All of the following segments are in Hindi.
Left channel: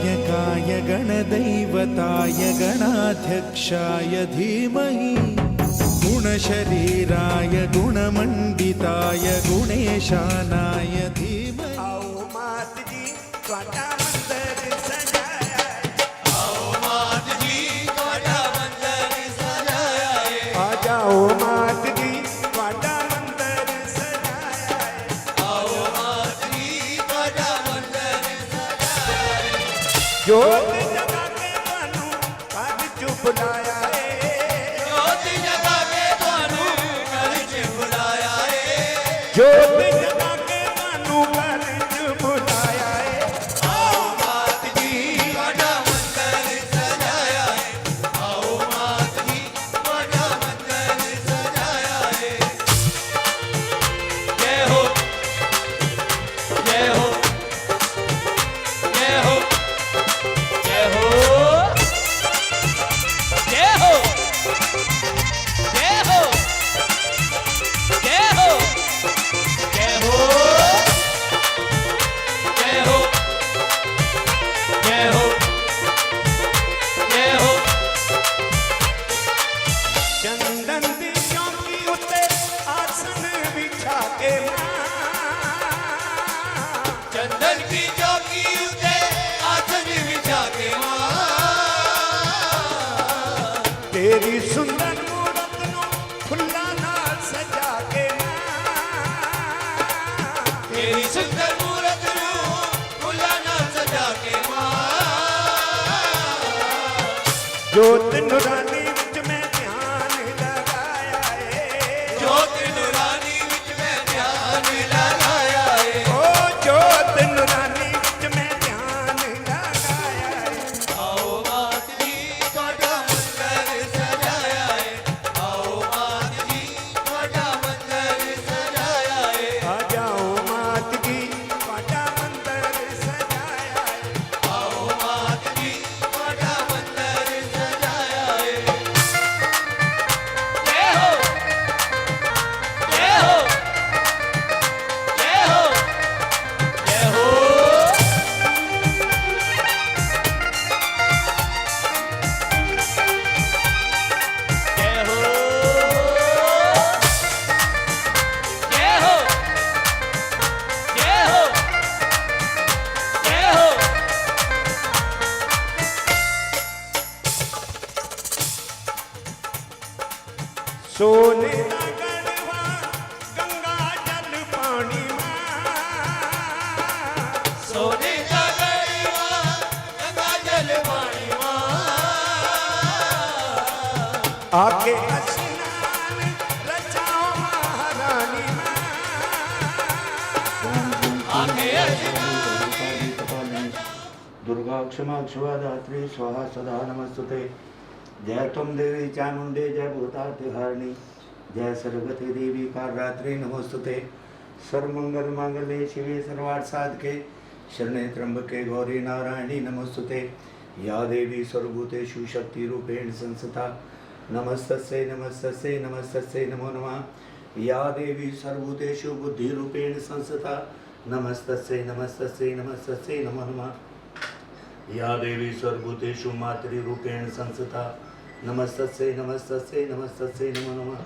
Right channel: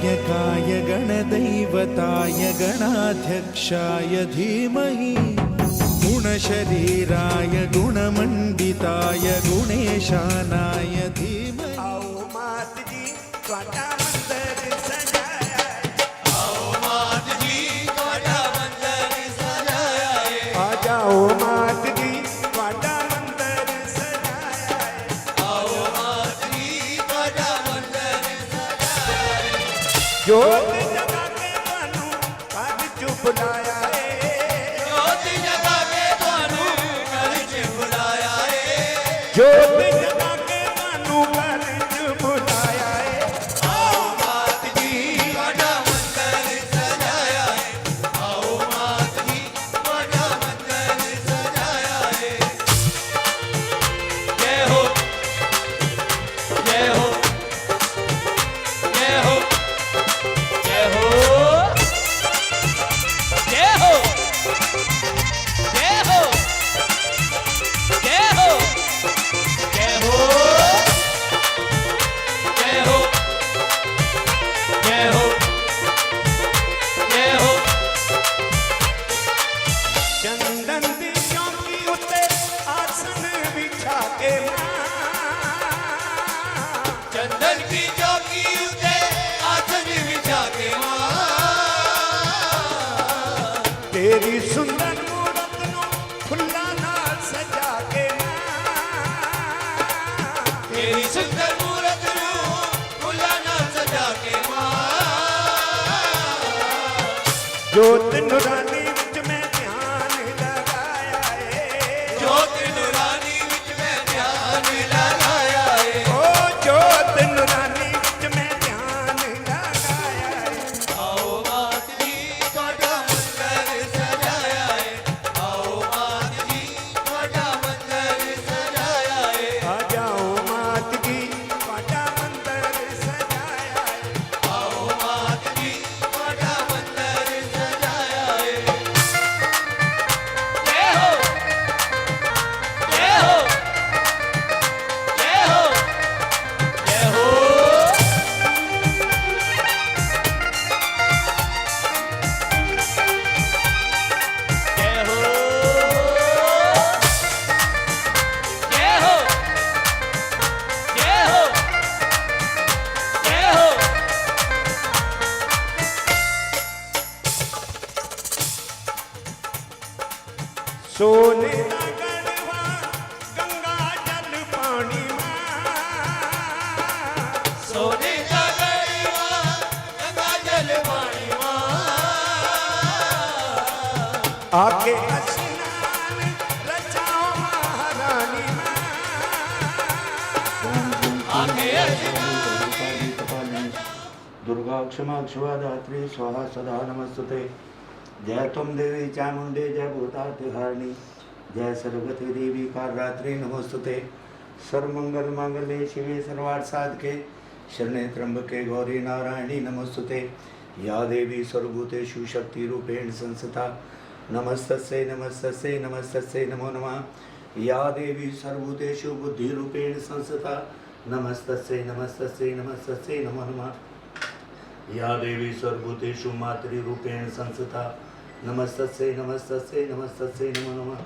गणनायकाय गणदैवताय गणाध्यक्षाय धीमहि गुणशरीराय गुणमण्डिताय गुणेशानाय धीमहि। आओ मात जी त्वाडा मंदिर सजाया है। आओ मात जी त्वाडा मंदिर सजाया है। आ जाओ मात जी त्वाडा मंदिर सजाया है। आओ मात जी त्वाडा मंदिर सजाया है। जोत जगा के तानू घर च बुलाया है। जोत जगा के तानू घर च बुलाया है। जोत जगा के तानू घर च बुलाया है। आओ मात जी त्वाडा मंदिर सजाया है। आओ मात जी त्वाडा मंदिर सजाया है। जय हो जय हो जय हो जय हो जय हो जय हो जय हो जय हो जय हो जय हो जय हो चंदन दी चौकी उत्ते आसन बिछा के चंदन की चौकी उते आसन बिछा के मां तेरी सुंदर मूरत नु फुल्ला नाल सजा के तेरी सुंदर मूरत नु फुल्ला नाल सजा के मां जोत नुरानी विच मैं ध्यान लगाया है। जोत नूरानी विच मैं ध्यान लगाया है। ओ जोत नुरानी विच मैं ध्यान लगाया है। आओ मात जी त्वाडा मंदिर सजाया है। आओ मात जी त्वाडा मंदिर सजाया है। आ जाओ मात जी त्वाडा मंदिर सजाया है। आओ मात जी त्वाडा मंदिर सजाया है। जय हो जय हो जय हो जय हो जय हो जय हो जय हो जय हो सोने दा गढ़वा गंगा जल पानी मां सोने का गढ़वा गंगा जल पानी मां आके स्नान रचाओ महारानी आके अजनानी दुर्गा क्षमा क्षमा धात्री स्वाहा सदा नमस्तुते। जय तुम देवी चामुंडे जय भूतातिहारिणी जय सरस्वती देवी कालरात्रि नमोस्तुते। सर्वमंगल मांगल्ये शिवे सर्वार्थ साधके शरणे त्र्यंबके गौरी नारायणी नमोस्तुते। या देवी सर्वभूतेषु शक्ति रूपेण संस्थिता नमस्तस्यै नमस्तस्यै नमस्तस्यै नमो नमः। या देवी सर्वभूतेषु बुद्धि रूपेण संस्थिता नमस्तस्यै नमस्तस्यै नमस्तस्यै नमो नमः। या देवी सर्वभूतेषु मातृरूपेण संस्थिता नमस्तस्यै नमस्तस्यै नमस्तस्यै नमो नमः।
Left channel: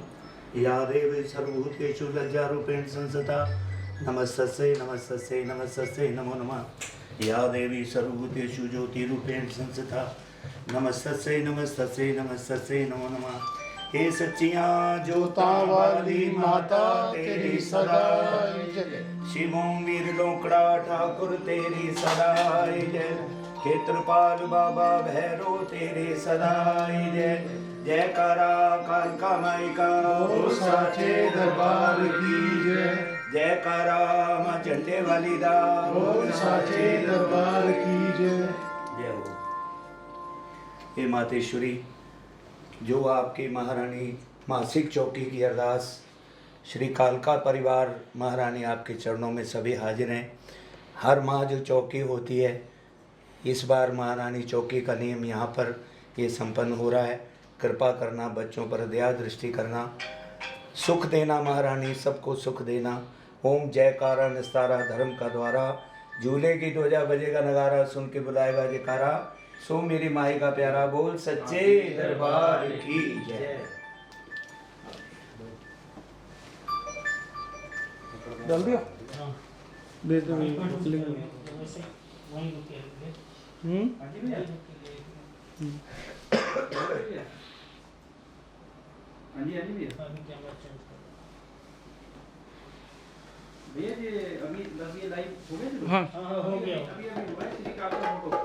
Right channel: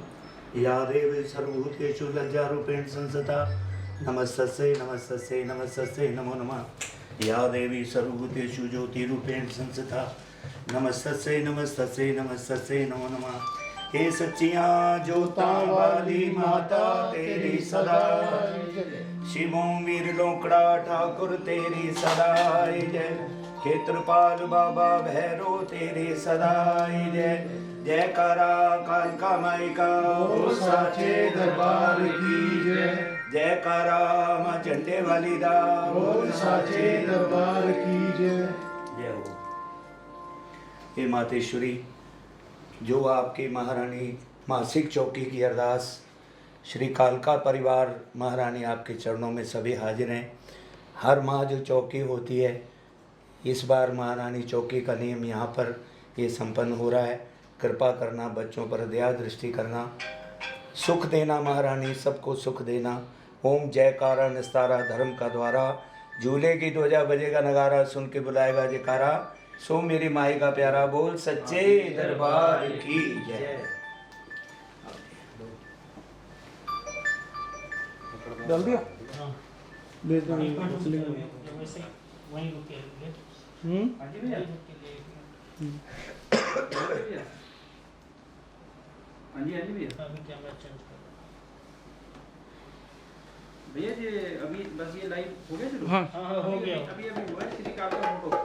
या देवी सर्वभूतेषु लज्जारूपेण संस्थिता नमस्तस्यै नमस्तस्यै नमस्तस्यै नमो नमः। या देवी सर्वभूतेषु ज्योतिरूपेण संस्थिता नमस्तस्यै नमस्तस्यै नमस्तस्यै नमो नमः। हे सच्चियां जोतां वाली माता तेरी सदा शिवों वीर लोकड़ा ठाकुर तेरी सदाई जय। क्षेत्रपाल बाबा भैरो तेरे सदाई जय। जयकारा कालका माई का ओ साचे दरबार की जय। जयकारा मां झंडे वाली दा ओ साचे दरबार की जय। जय हो। हे मातेश्वरी, जो आपकी महारानी मासिक चौकी की अरदास श्री कालका परिवार महारानी आपके चरणों में सभी हाजिर हैं। हर माह जो चौकी होती है, इस बार महारानी चौकी का नियम यहाँ पर ये संपन्न हो रहा है। कृपा करना, बच्चों पर दया दृष्टि करना, सुख देना महारानी, सबको सुख देना। ओम जयकारा निस्तारा धर्म का द्वारा झूले की ध्वजा बजेगा नगारा, सुन के बुलाएगा जयकारा। सो मेरी माई का प्यारा बोल सच्चे दरबार की जय। डाल दिया ले दो भैया जी अभी बस ये लाइव हो गया शुरू? हाँ हो गया अभी हुआ है श्री काल का फोटो।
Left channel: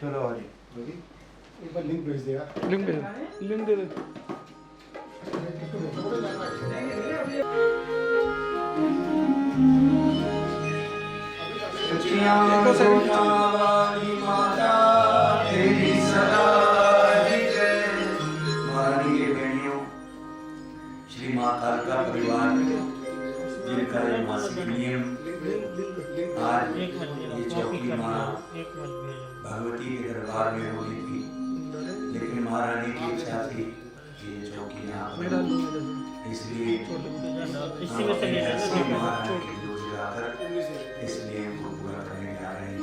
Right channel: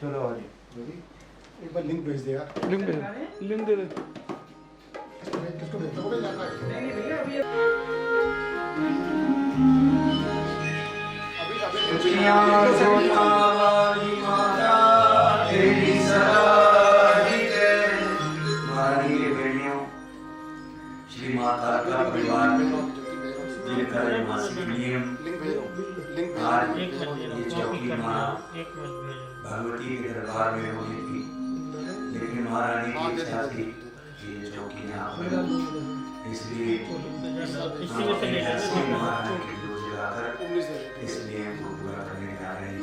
चलो आगे एक बार लिंक भेज देगा। लिंक दे दे किसको भेजोगे? नहीं भैया अभी सोनावाली माता तेरी सलाही जय। माननीय बहनियों, श्री माता का परिवार जिनका मासिक नियम आज ये चौकी माँ भगवती के दरबार में होनी थी, लेकिन महारानी की इच्छा थी कि ये चौकी यहाँ पर हो। इसलिए हम अपने घर से महारानी की जोत जलाकर इसलिए हमको पूरा करने जा रहे हैं।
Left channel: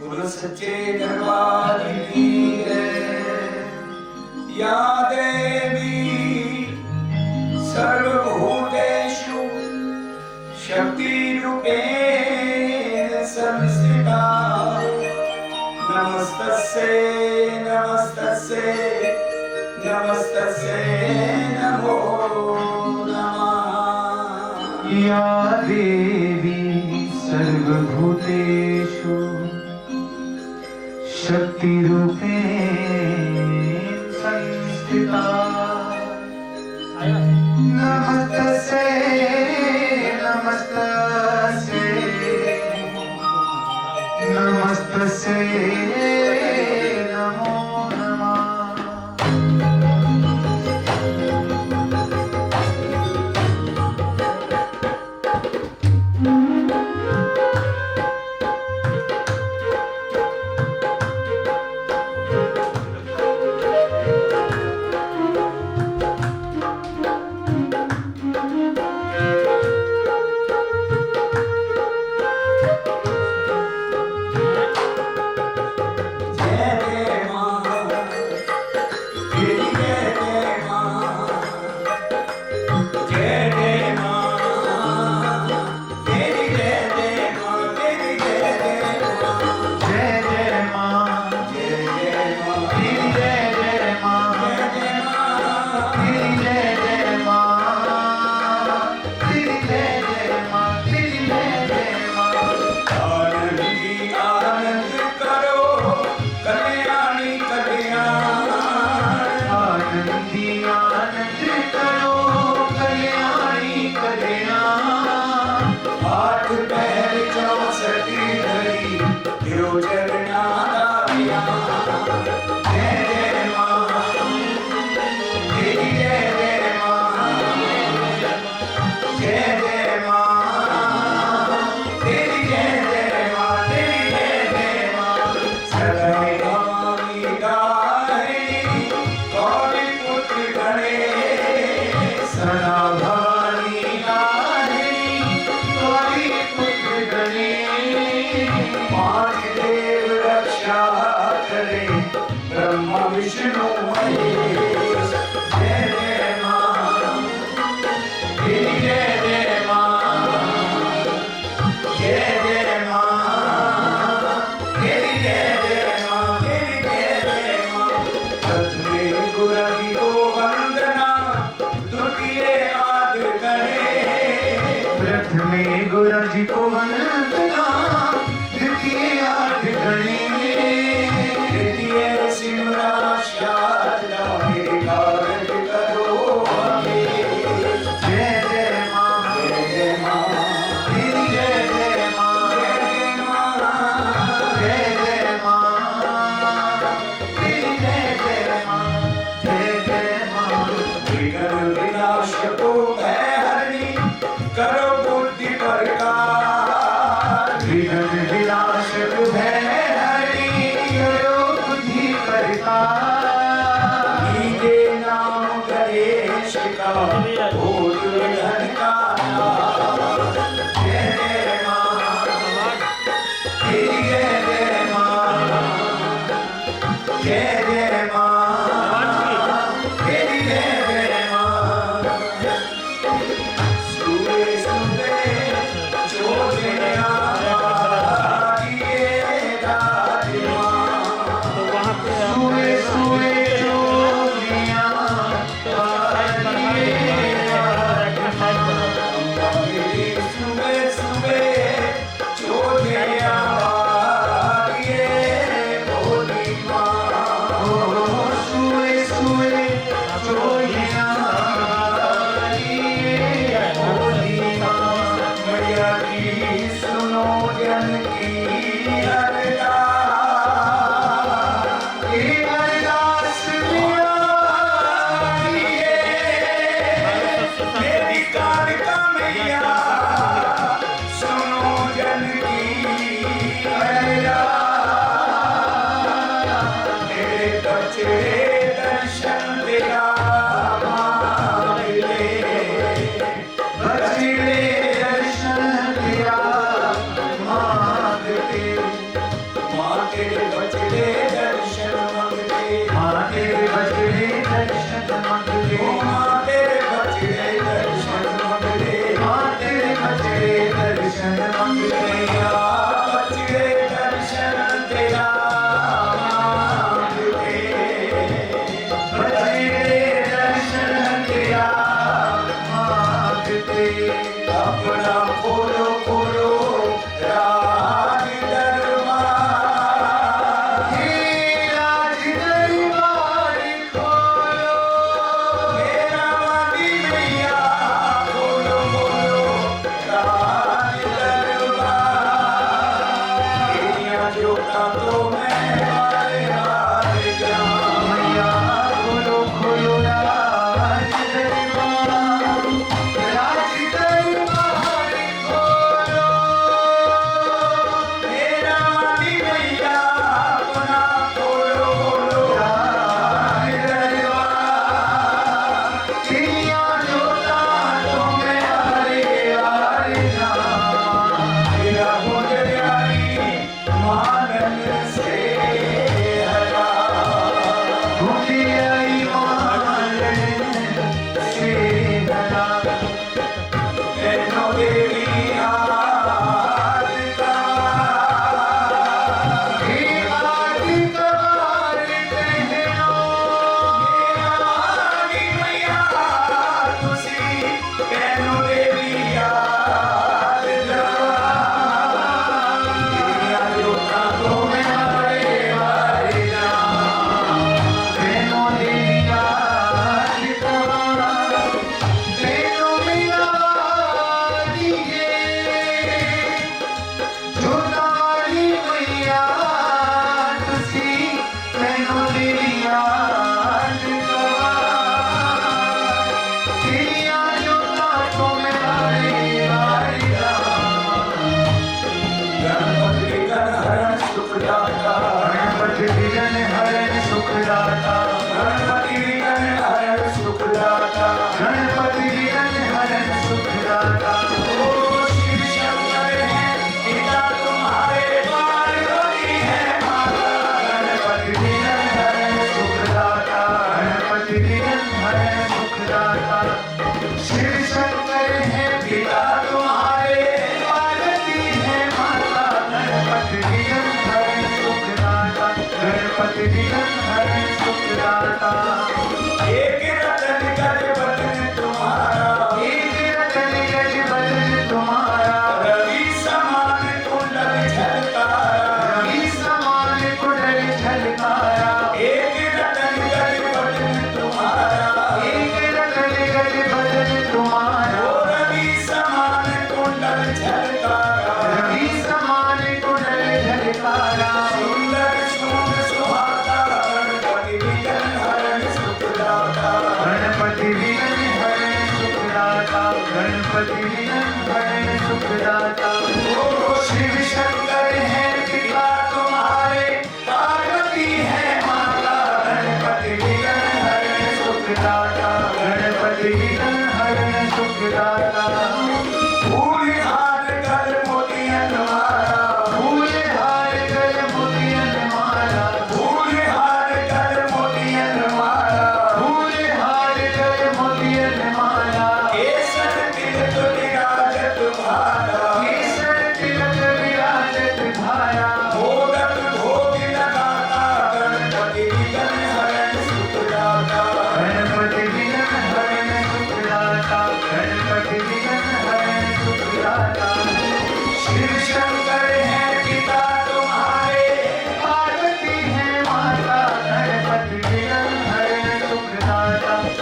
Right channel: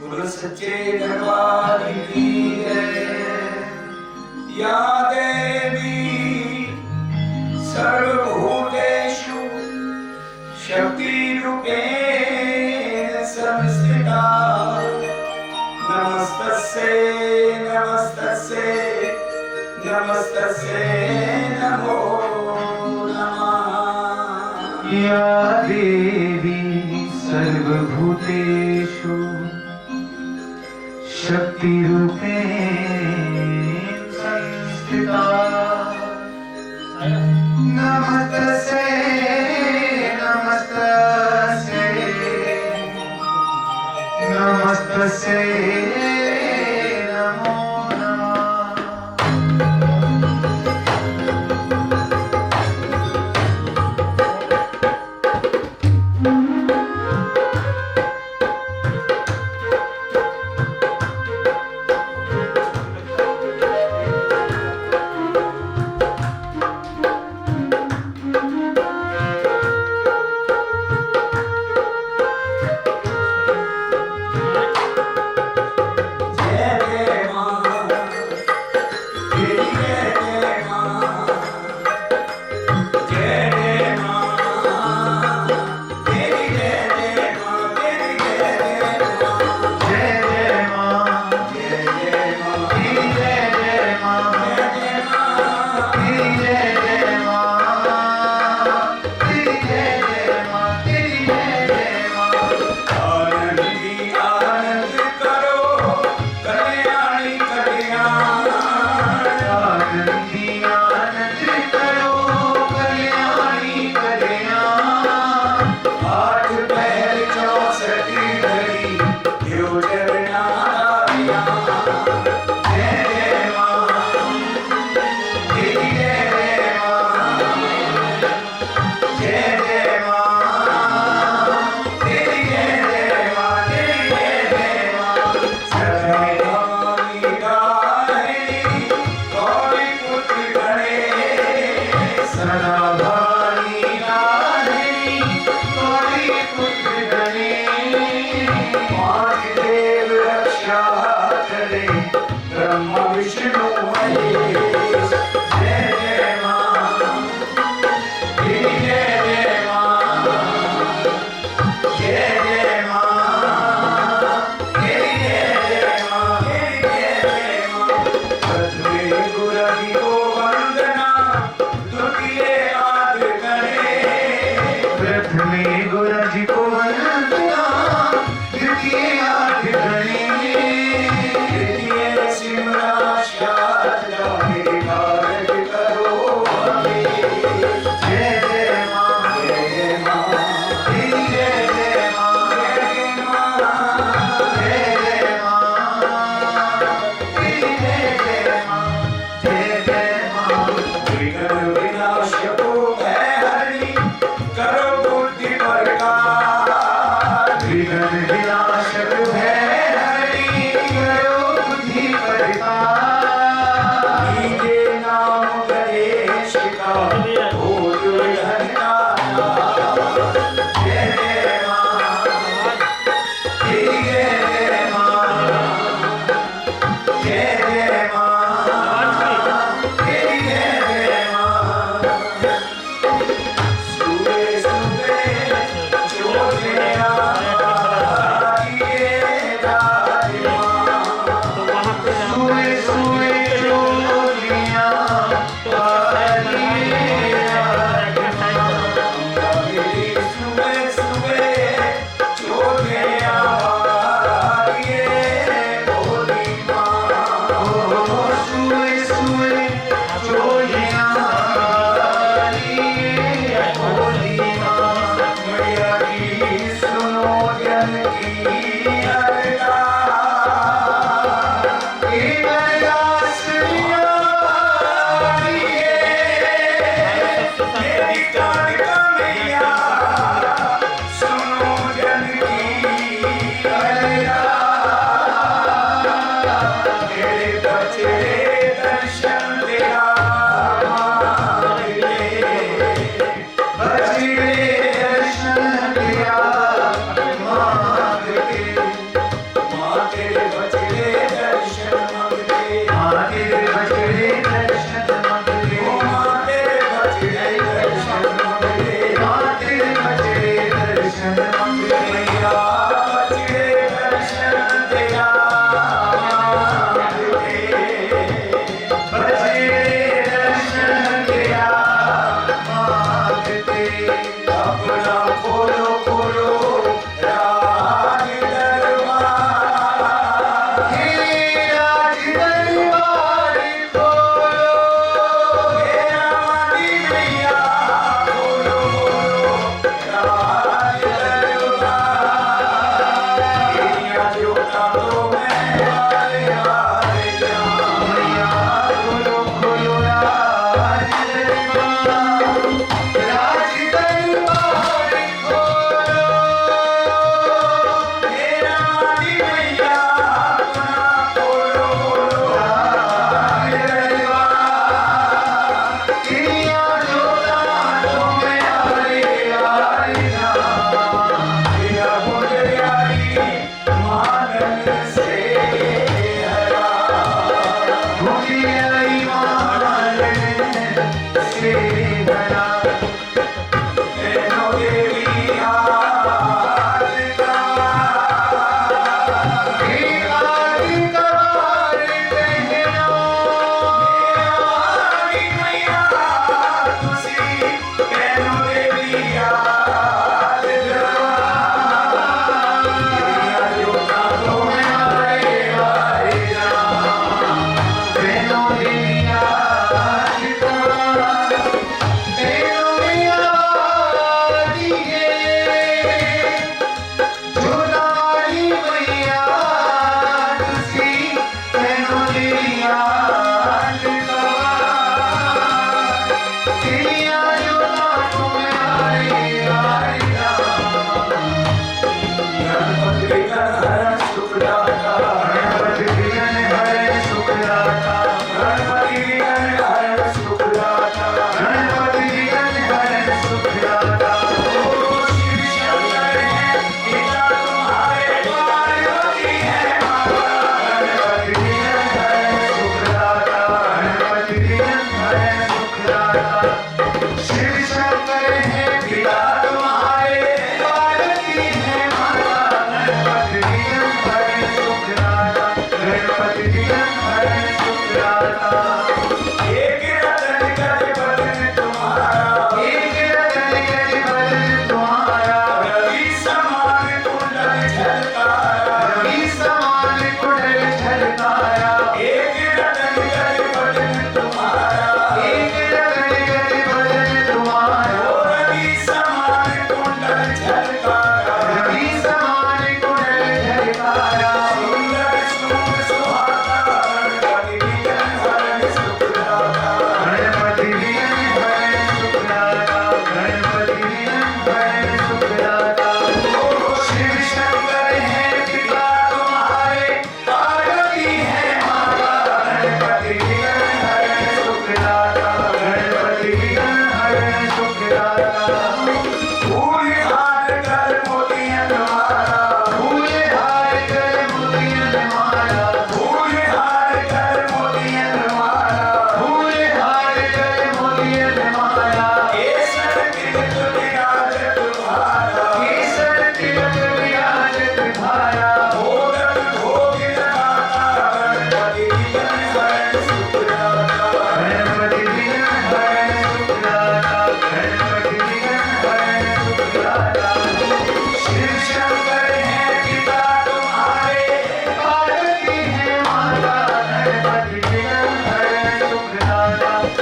बोलो सच्चे दरबार की जय। या देवी सर्वभूतेषु शक्तिरूपेण संस्थिता। नमस्तस्यै नमस्तस्यै नमस्तस्यै नमो नमः। या देवी सर्वभूतेषु शक्तिरूपेण संस्थिता। नमस्तस्यै नमस्तस्यै नमस्तस्यै नमो नमः।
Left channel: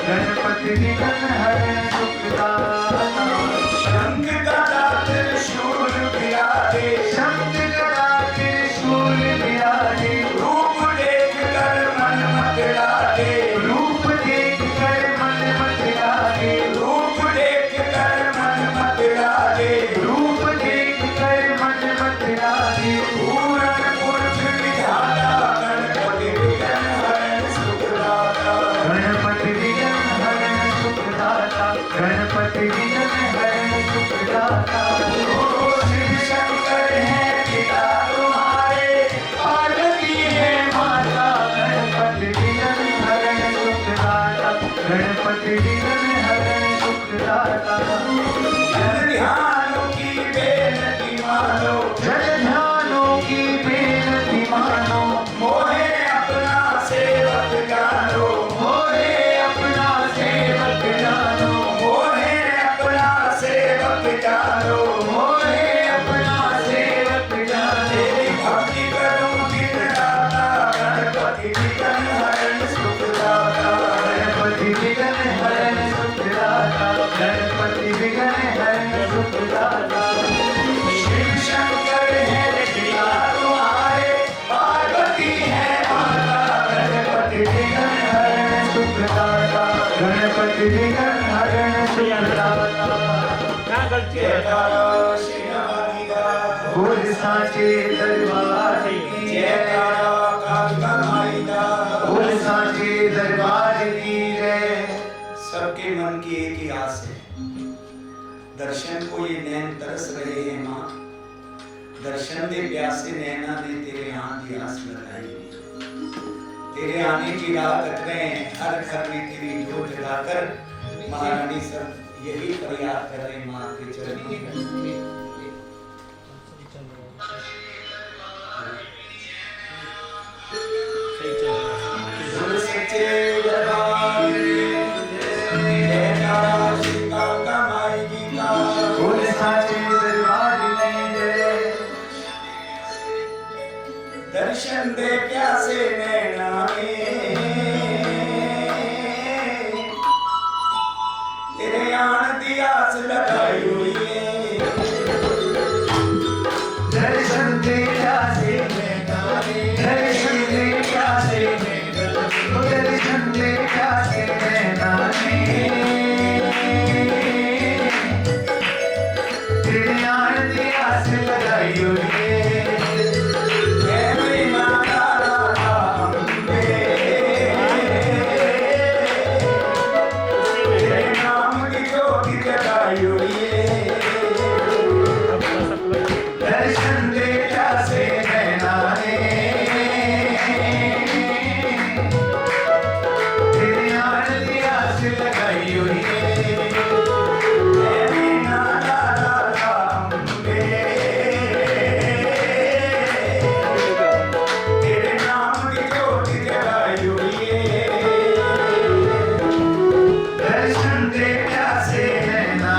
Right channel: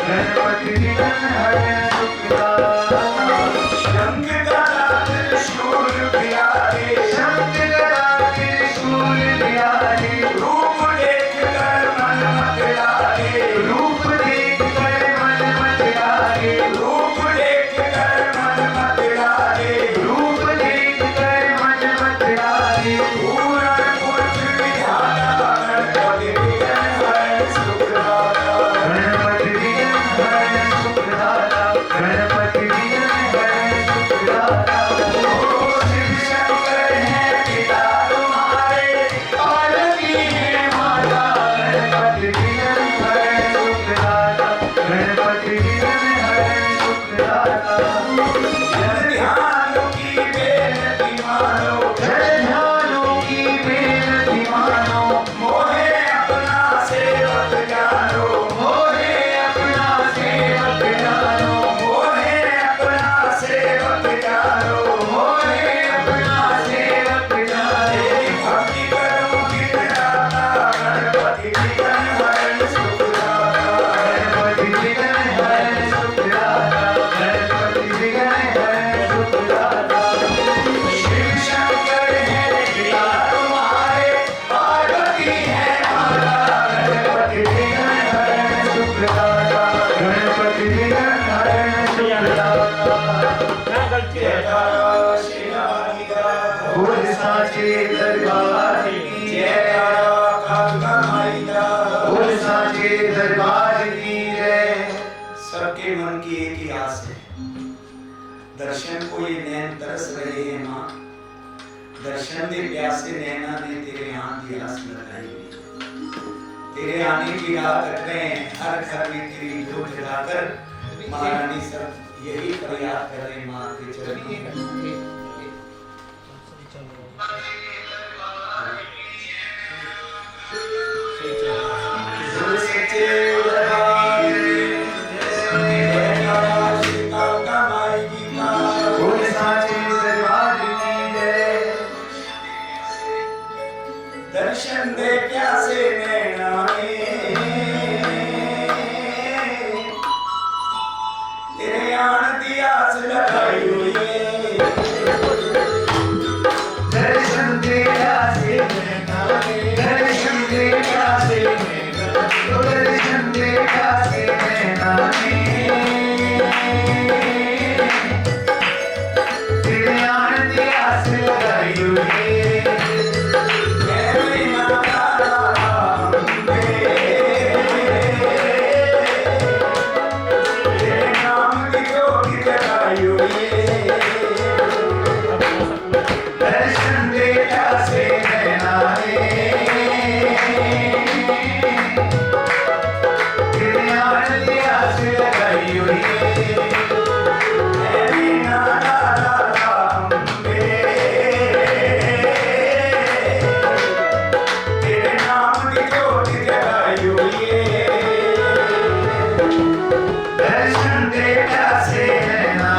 गणपति विघ्नहरण सुखदाता शंख गदा त्रिशूल बिराजे शंख गदा त्रिशूल बिराजे रूप देख कर मन मत लागे रूप देख कर मन मत लागे रूप देख कर मन मत लागे रूप देख कर मन मत लागे पूर्ण पुरुष विधाता गणपति विघ्नहरण सुखदाता गणपति विघ्नहरण सुखदाता गणपति विघ्नहरण सुखदाता शिव शंकर है पिता तुम्हारे पार्वती है माता गणपति विघ्नहरण सुखदाता गणपति विघ्नहरण सुखदाता जन ध्यान की बेनती मानो जन ध्यानों की बेनती मानो मोहे अपना सेवक जानो मोहे अपना सेवक जानो मोहे अपना सेवक जानो मोहे अपना सेवक जानो तेरी भक्ति करूं दिन राता गणपति विघ्नहरण सुखदाता गणपति विघ्नहरण सुखदाता गणपति विघ्नहरण सुखदाता शिव शंकर है पिता तुम्हारे पार्वती है माता गणपति विघ्नहरण सुखदाता गणपति विघ्नहरण सुखदाता जयकारा श्री राम बोल साचे दरबार की जय जयकारा काका माईदा बोल साचे दरबार की जय सबके मन की एक ही आस है दर्शन को ये नैन तरस रहे हैं माँ दर्शन दे प्यासे नैना ने तेरे यहाँ की आस लगाई हुई तेरे आने की राह कट रहे हैं हर घर में तेरी जोत जलाकर महारानी सब यही फरियाद कर रहे हैं माँ के चरणों में बोल सच्चे दरबार की जयकारा श्री काका माई जी का बोल साचे दरबार की जय दर्शन दे प्यासे नैना ने तेरे आन दी आस लगाई हुई है दर्शन दे प्यासे नैना दर्शन दे प्यासे नैना दर्शन दे प्यासे नैना तेरे आने की आस लगाई हुई है मेरी माता अम्बे तेरे नाम की ज्योति जगाई हुई है दर्शन दे प्यासे नैना तेरे आने की आस लगाई हुई है मेरी माता अम्बे तेरे नाम की ज्योति जगाई हुई है दर्शन दे प्यासे नैना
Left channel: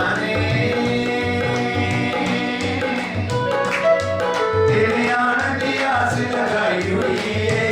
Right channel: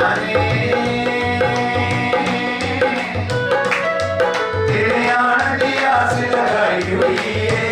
तेरे आने की आस लगाई हुई है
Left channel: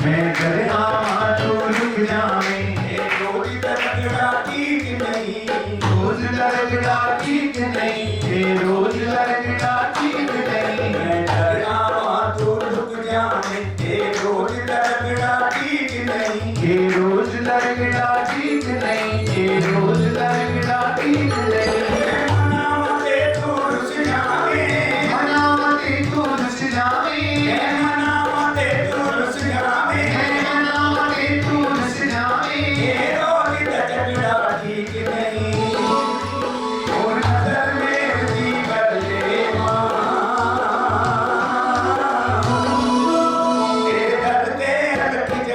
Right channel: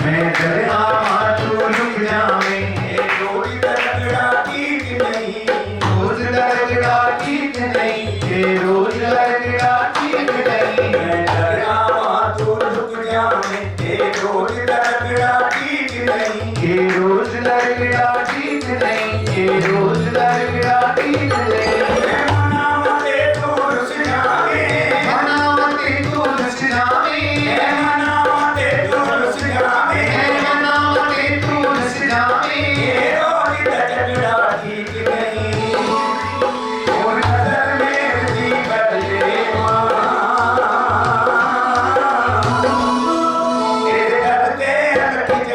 मैं घर आवा तू रुक जावे रोज तड़कड़ा ठीक नहीं रोज लगड़ा ठीक नहीं ये रोज लगड़ा ठीक नहीं मैं डरावा तू रुक जावे ये रोज तड़कड़ा ठीक नहीं ये रोज लगड़ा ठीक नहीं ये रोज लगड़ा ठीक नहीं मैं मनावते तू रुस जावे मनावते तू रुस जावे मैं मनावते तू रुस जावे मनावते तू रुस जावे ये रोज तड़कड़ा ठीक नहीं और नजर मेरी बदले माँ तेरे दर ते अटक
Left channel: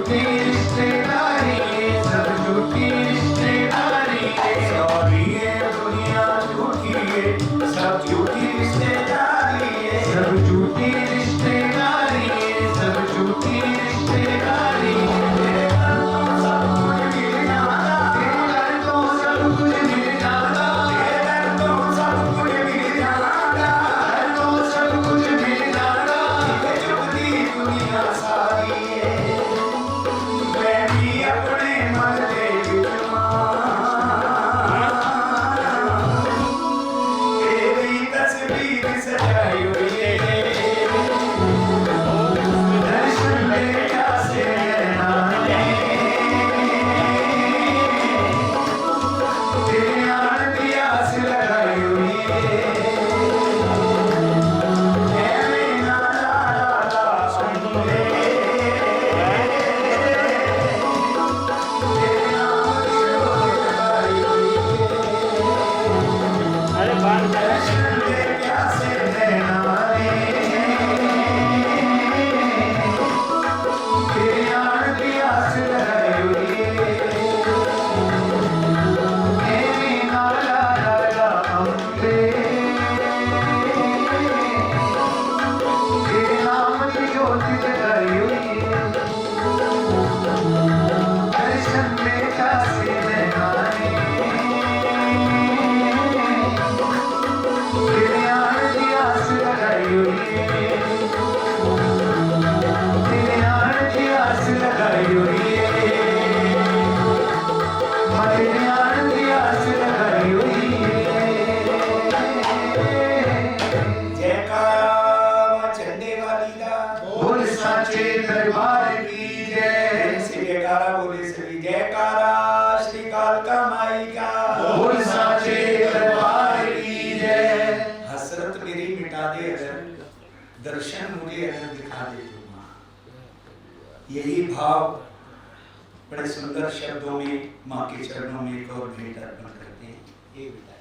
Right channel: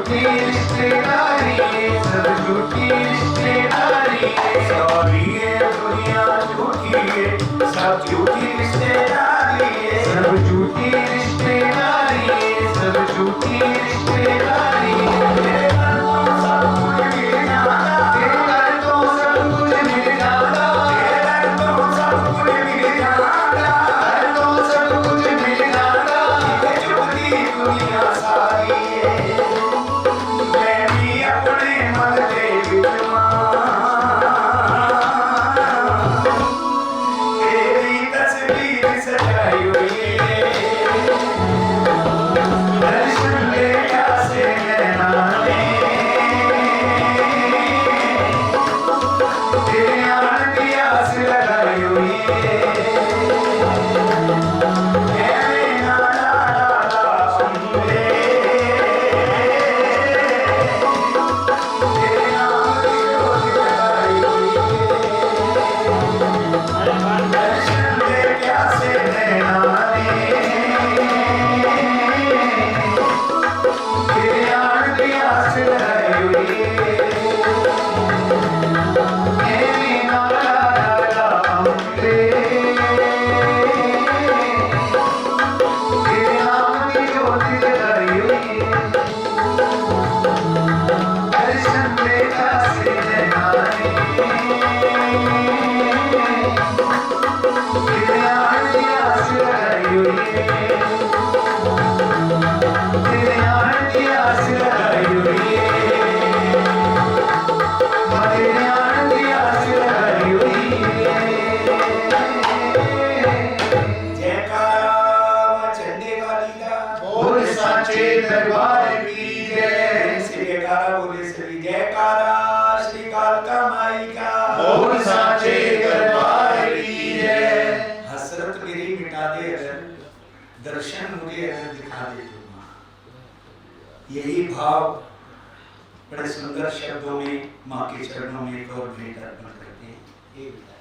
झूठी रिश्तेदारी है, सब झूठी रिश्तेदारी है। सॉरी ये दुनिया झूठी है, सब झूठी रिश्तेदारी है। सब झूठी रिश्तेदारी है, सब झूठी रिश्तेदारी है। तेरे घर तो सब कुछ मिल जाता, तेरे घर तो सब कुछ मिल जाता, तेरे घर तो सब कुछ मिल जाता, घर तो सब कुछ मिल जाता। ये झूठी दुनिया सारी है। मैं भी अपने मन दे तेरी तस्वीर सजाई हुई है। दर्शन ले प्यासे नैना ने, तेरे आने की आस लगाई हुई है। ऐ ना ला ला ला सुनले, तेरे नाम की जोत जगाई हुई है। दर्शन ले प्यासे नैना ने, तेरे आने की आस लगाई हुई है। ऐ ना ला ला ला अम्बे, तेरे नाम की जोत जगाई हुई है। दर्शन ले प्यासे नैना ने, तेरे आने की आस लगाई हुई है। तेरे आने की आस लगाई हुई है। तेरे आने की आस लगाई हुई है। जयकारा चंडे वाली दा बोल साचे दरबार की जय। श्री जयकारा बोले श्री जयकारा श्री कालका माई का बोल साचे दरबार की जय। हसरत मेरी मिटा दे अगर, दर्शन मुझे अगर दिखा दे तू माँ। यही भाव बड़े सुंदर शब्दों में माँ के चरणों में एक और भेंट अर्पण करते हैं। ये बताएं।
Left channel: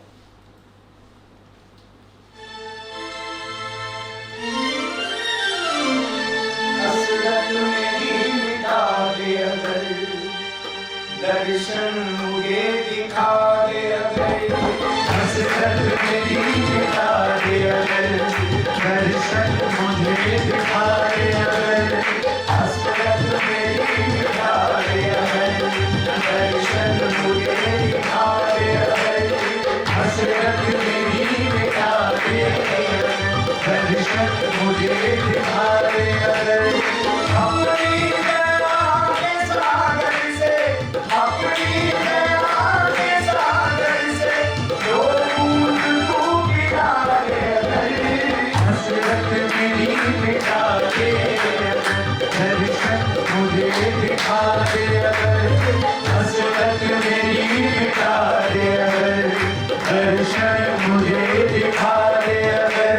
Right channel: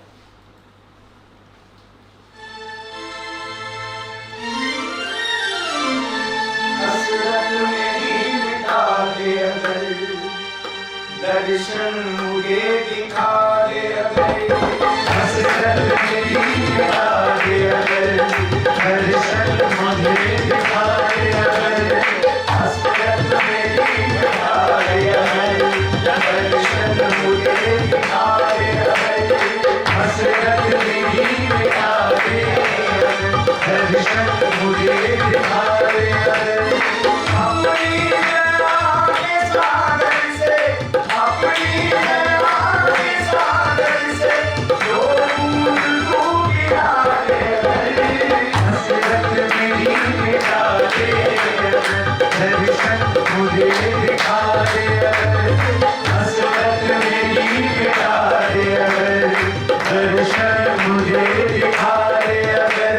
हसरत मेरी मिटा दे अगर, दर्शन मुझे दिखा दे अगर। हसरत मेरी मिटा दे अगर, दर्शन मुझे दिखा दे अगर। हसरत मेरी मिटा दे अगर, दर्शन मुझे दिखा दे अगर। हसरत मेरी मिटा दे अगर, दर्शन मुझे दिखा दे अगर। अपनी दया के सागर से, अपनी दया के सागर से जो बूंद तू गिरा दे अगर। हसरत मेरी मिटा दे अगर, दर्शन मुझे दिखा दे अगर। हसरत मेरी मिटा दे अगर, दर्शन मुझे दिखा दे अगर।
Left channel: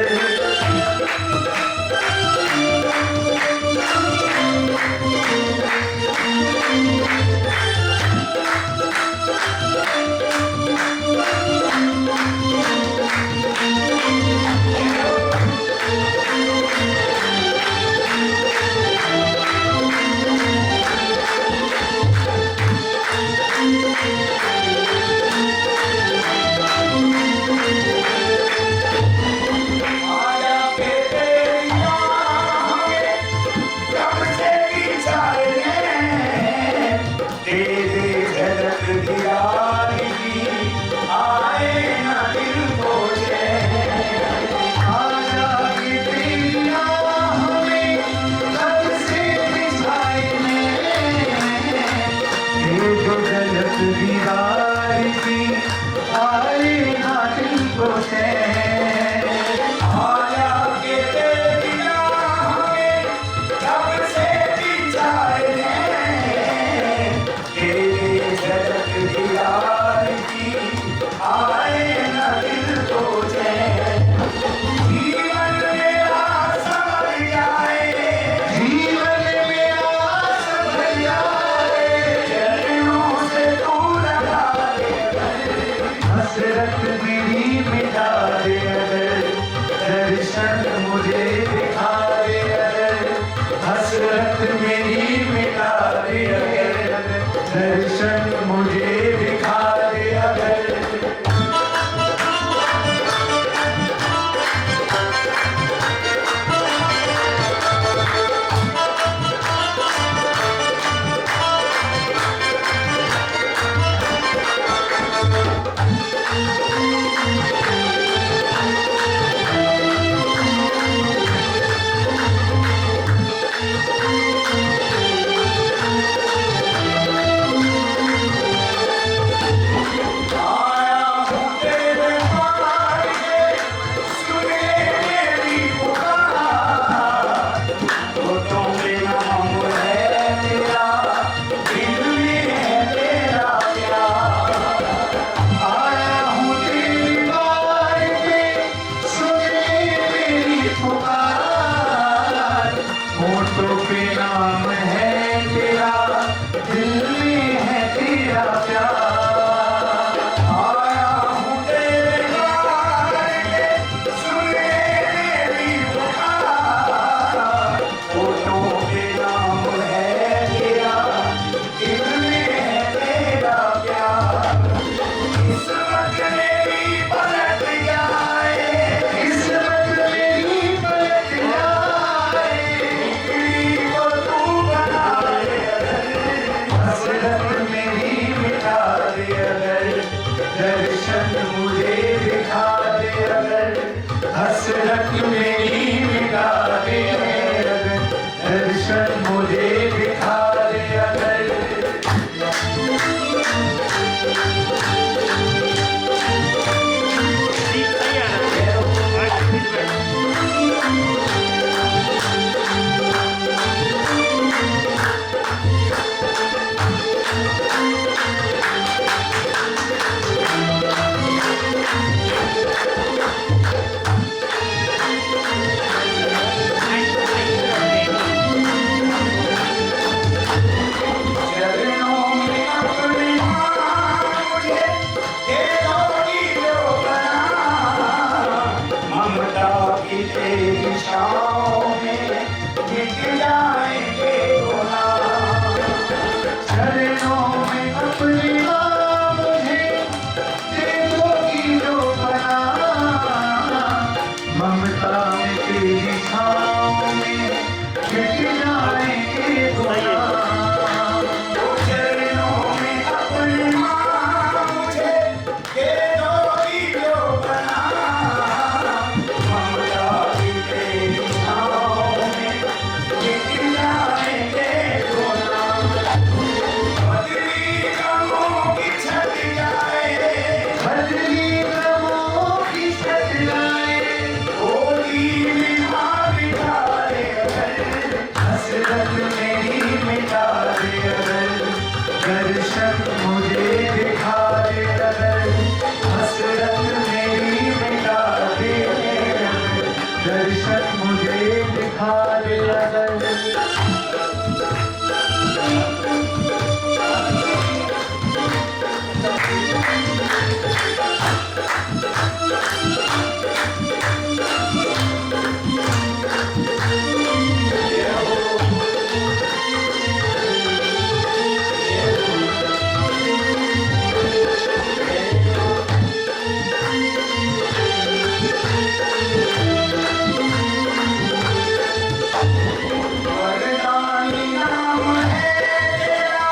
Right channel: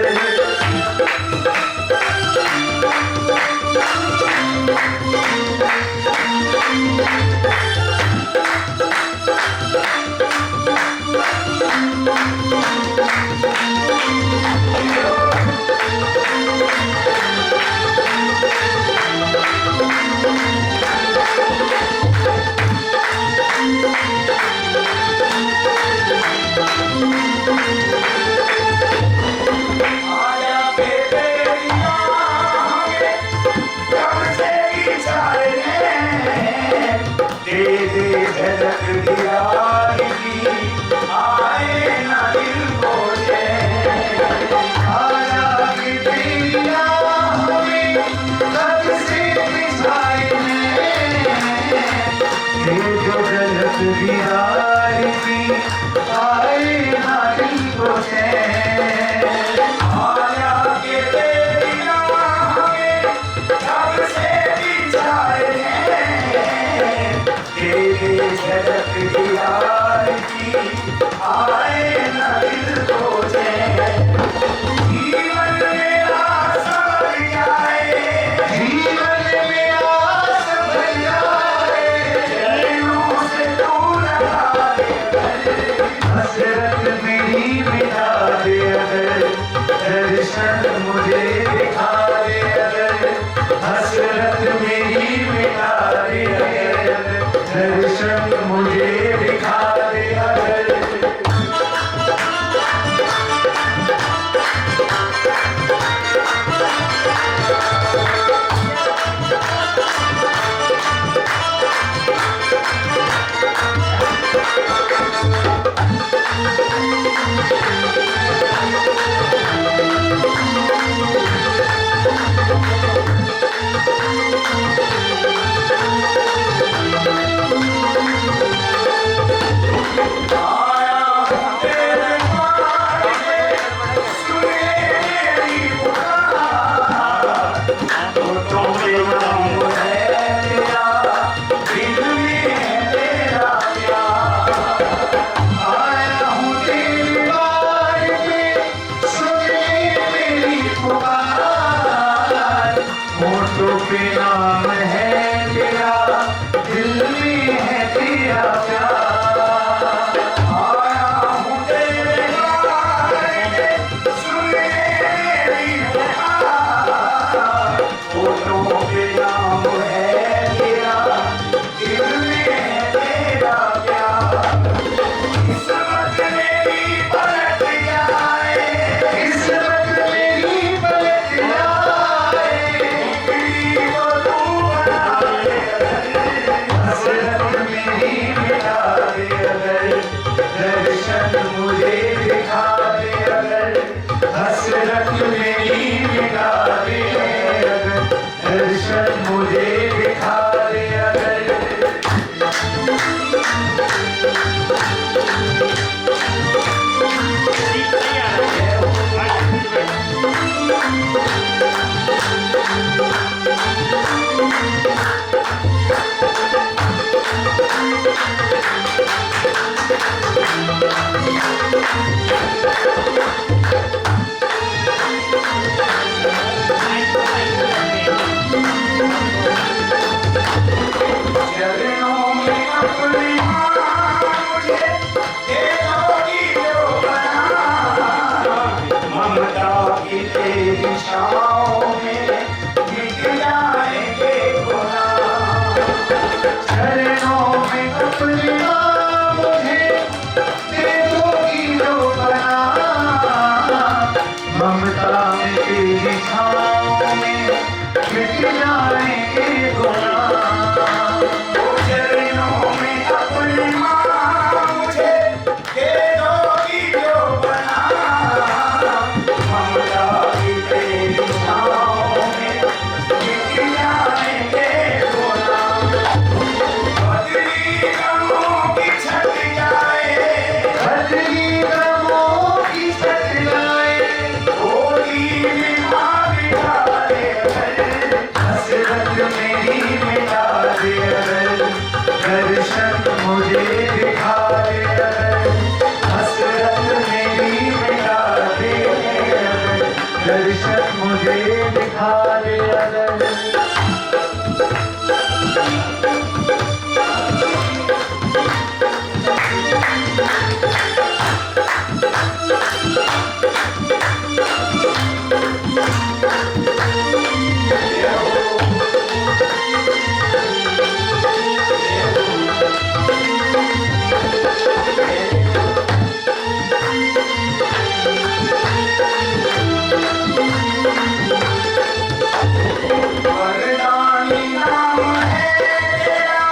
होठों पे नाम है तेरा, दिल में है तेरा प्यार। आया हूँ तेरे द्वार, सुन ले मेरी पुकार। होठों पे नाम है तेरा, दिल में है तेरा प्यार। किस्मत मेरी पलट जाए, किस्मत मेरी पलट जाए, टुकड़ी को तू बना दे अगर, हसरत मेरी मिटा दे अगर, दर्शन मुझे दिखा दे अगर, हसरत मेरी मिटा दे अगर, दर्शन मुझे दिखा दे अगर। चरणों में अपनी मुझे दे दोगी जो बना, ममता की तेरी छाँव में मिट जाएंगे गुनाह। चरणों में अपनी मुझे दे दोगी जो बना, ममता में तेरी छाँव में मिट जाएंगे गुनाह। चरणों में अपनी मुझे दे दोगी जो बना, ममता की तेरी छाँव में मिट जाएंगे गुनाह। बदली गमों की छट जाए, बदली गमों की छट जाए, होली में मार बिठा दे अगर, हसरत मेरी मिटा दे अगर, दर्शन मुझे दिखा दे अगर, हसरत मेरी मिटा दे अगर, दर्शन मुझे दिखा दे अगर। वरदानी नाम है तेरा,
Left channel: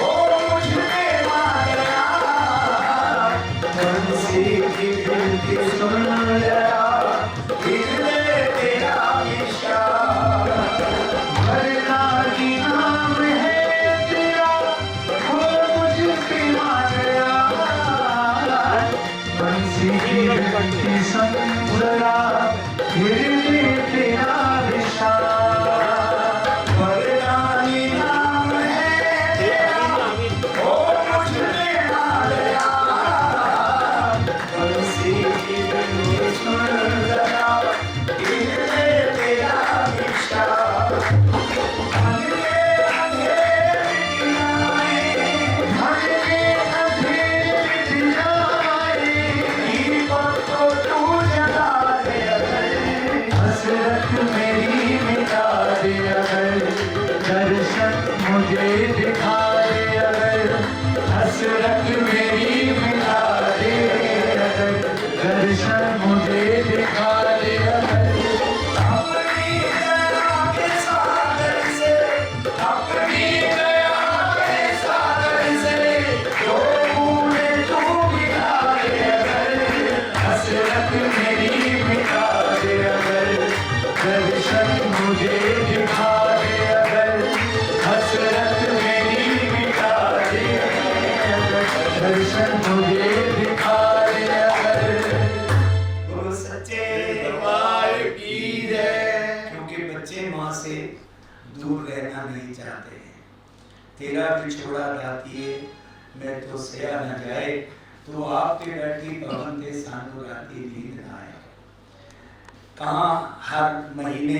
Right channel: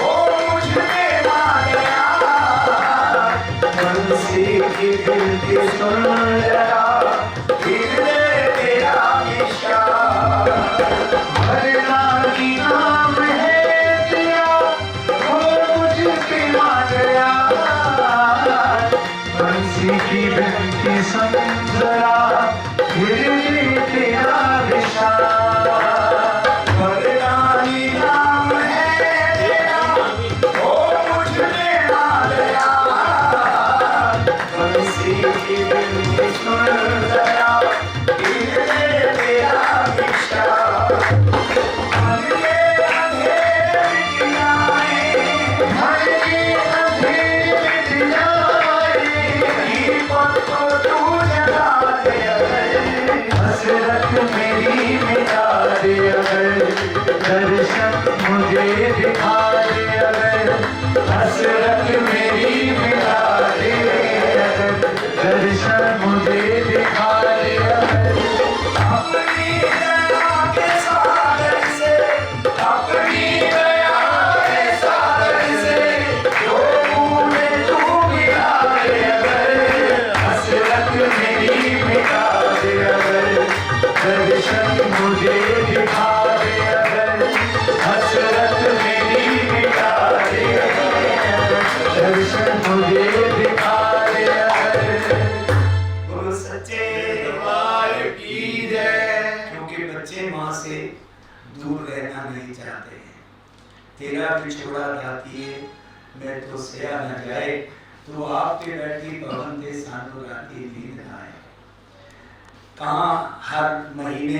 ओ मुझ पे आ गया। बंसी की गिनती सुन जरा, गिर ले तेरा इशारा। वरदानी नाम है तेरा, ओ मुझ पे आ गया। बंसी की गिनती सुन जरा, गिर ले तेरा इशारा। वरदानी नाम है तेरा, ओ मुझ पे आ गया। बंसी की गिनती सुन जरा, गिर ले तेरा इशारा। मन के अंधेरे मिट जाए, मन के अंधेरे मिट जाए, दीपक को तू जला दे अगर, हसरत मेरी मिटा दे अगर, दर्शन मुझे दिखा दे अगर, हसरत मेरी मिटा दे अगर, दर्शन मुझे दिखा दे अगर। अपनी दया के सागर से, अपनी दया के सागर से, जो भूले तू मिटा दे अगर, हसरत मेरी मिटा दे अगर, दर्शन मुझे दिखा दे अगर, हसरत मेरी मिटा दे अगर, दर्शन मुझे दिखा दे अगर। बोलो सच्चे दरबार की जय। क्योंकि बच्चे माँ से दूर रहना नहीं चाहते हैं। तेरा बिछोड़ा गाती है, मैं तो सया न जाए, तू आप पे बैठी भवन दे सानू राती नींद न आए। कहाँ हर महीने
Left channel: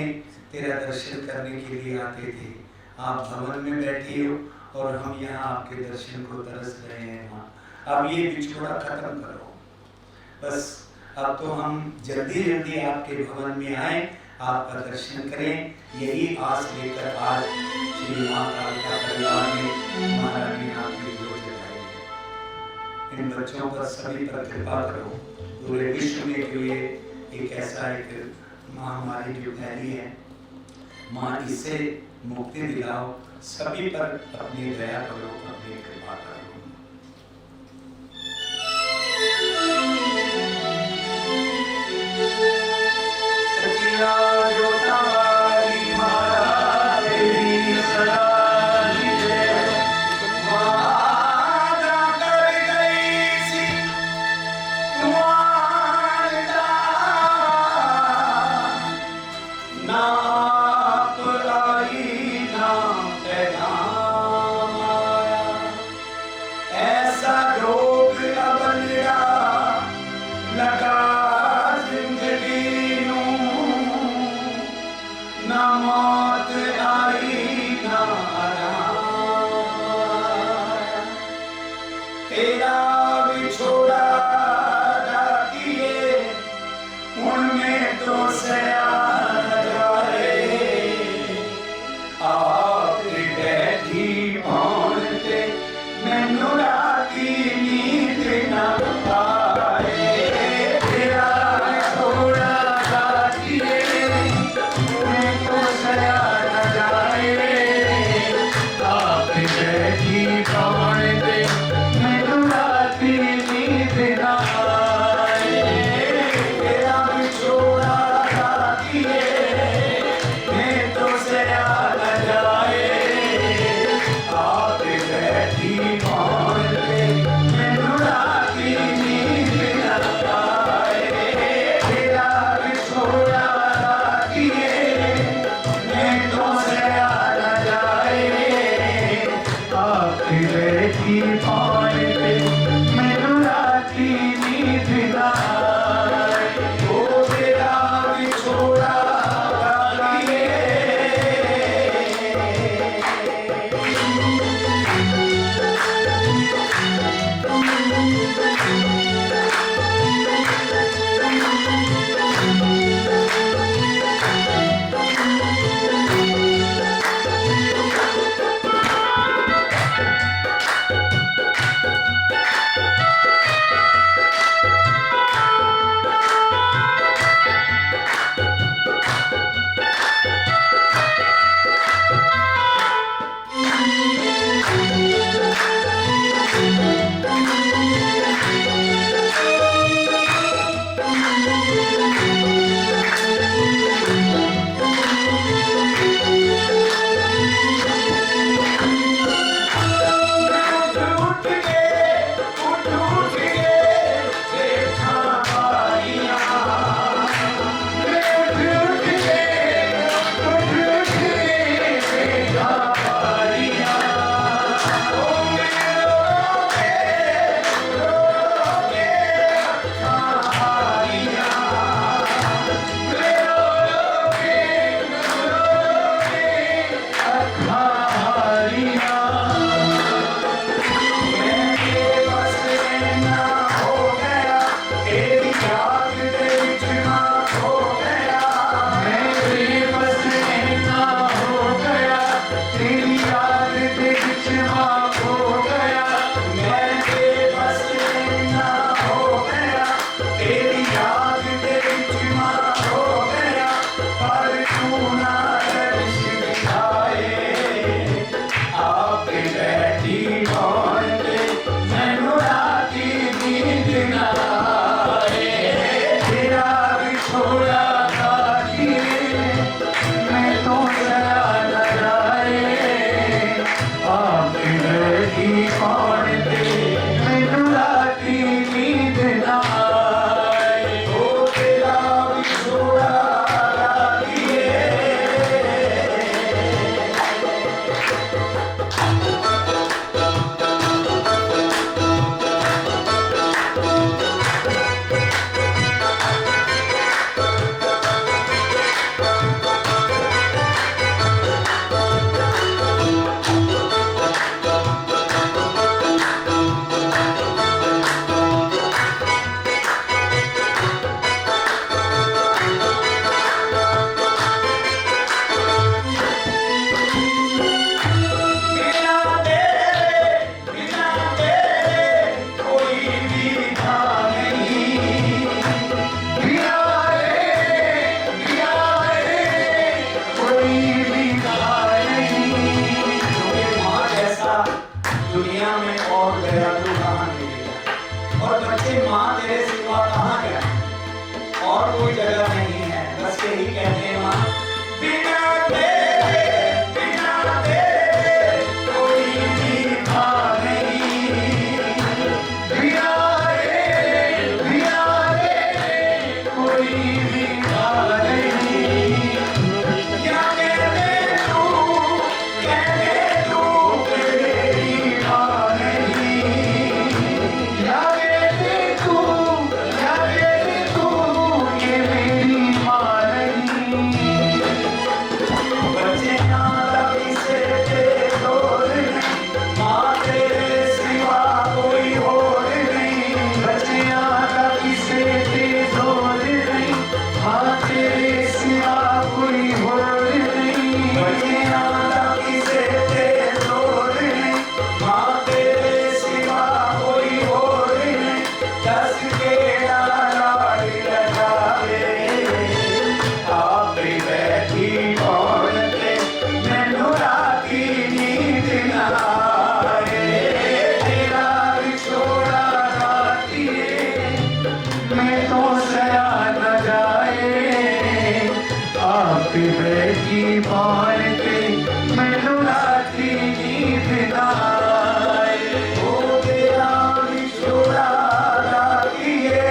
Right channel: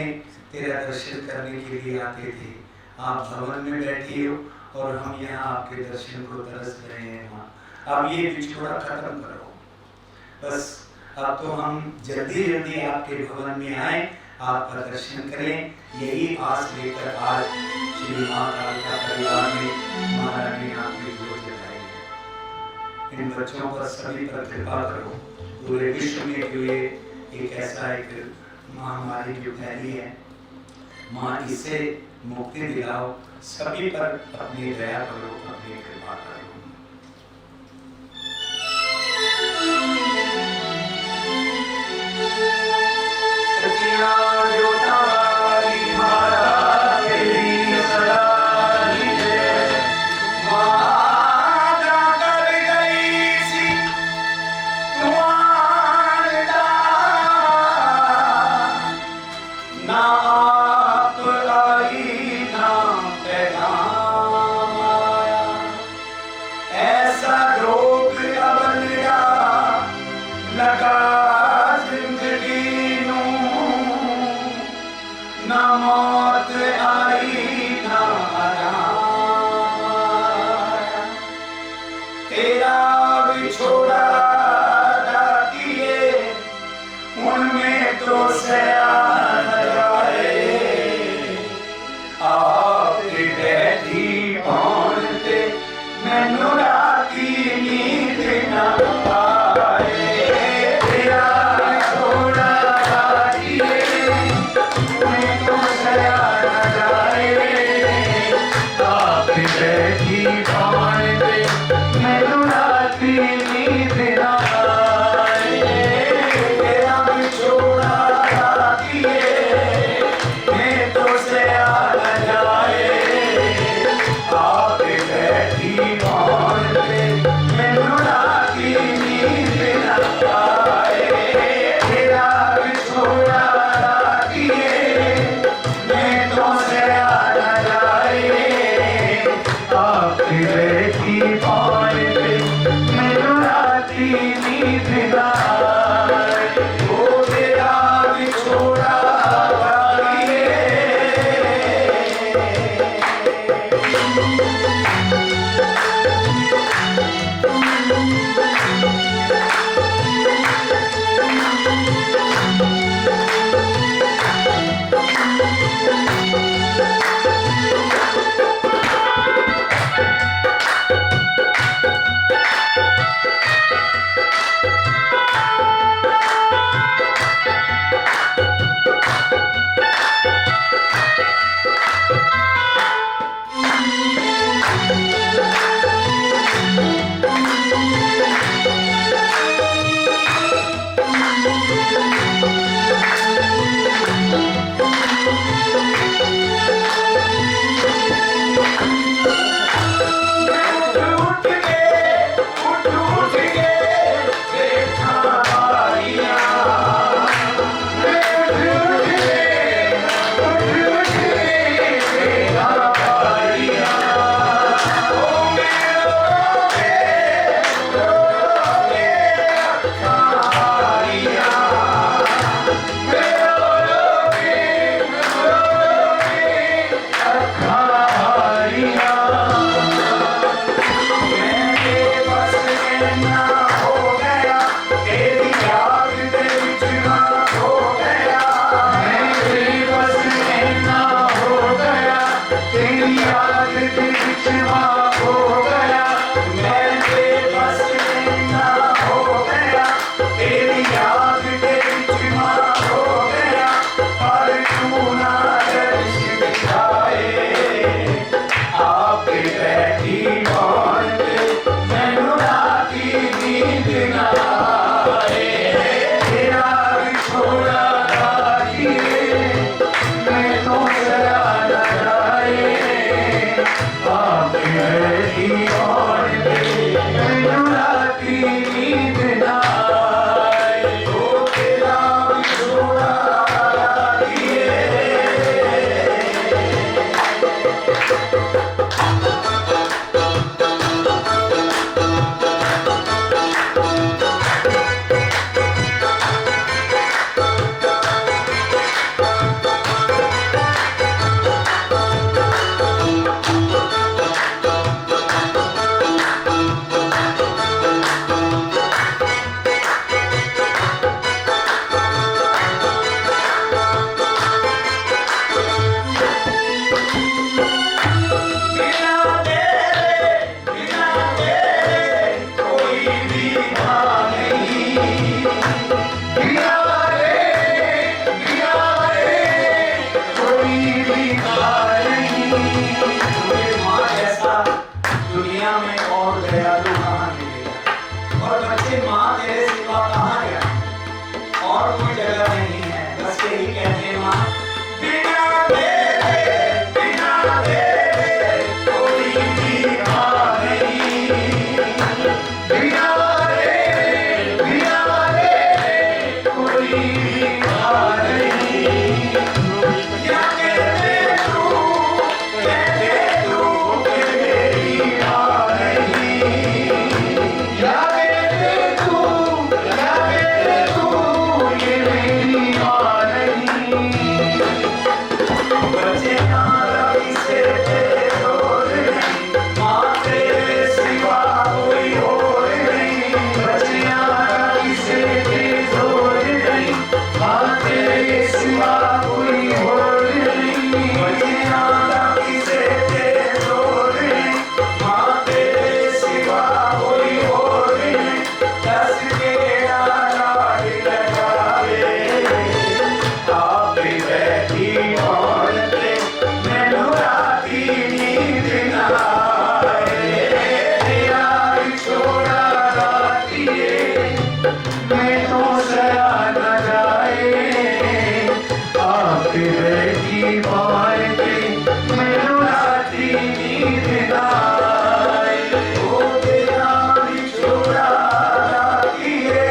तेरा दर्शन करने के लिए आते थे। आप भवन में बैठी हो और हम यहाँ आपके दर्शन को तरस रहे हैं माँ। अब ये बिछोड़ा खत्म करो बस। अब तो हम जल्दी जल्दी आपके भवन में आए, आपका दर्शन करें, यही आस लेकर आज श्री माँ कालिका परिवार में महारानी ने आपकी जोत जगाई है। इन बच्चों पर सभी पर कृपा करो। पूरे विश्व में जो ये एक ऐसा एक महामारी जो फैली है माँ, इससे मुक्ति दिलाओ, सभी पर अपनी दया करो, अपनी कृपा करो। सचिया जो तारी मारा तेरी सदा ही है। वादा कर गई सी तुम्हारा ना आप आई ना पैगाम आया। ऐसा रोग अब लगा जिंदगी नूं, ना मौत आई ना आराम आया। तेरा विछोड़ा डाकिए उनमें तो सया न जाए। आप बैठी भौन ते मैनू राती नींद ना आए। तेरा विछोड़ा डाकिए उनमें तो सया न जाए। आप बैठी कौन दे मैनू राती नींद ना आए। तेरा विछोड़ा डाकिए मैं तो सया न जाए। आप बैठी भौन पे मैनू राती नींद न आए। तेरा विछोड़ा डाकिए मैं तो सया न जाए। आप बैठी कौन ते मैनू राती नींद ना आए तेरा विछोड़ा रातिए मैं तो सया न जाए आके बैठी कौन ते मैनू राती नींद ना आए ओ तेरा विछोड़ा रातिए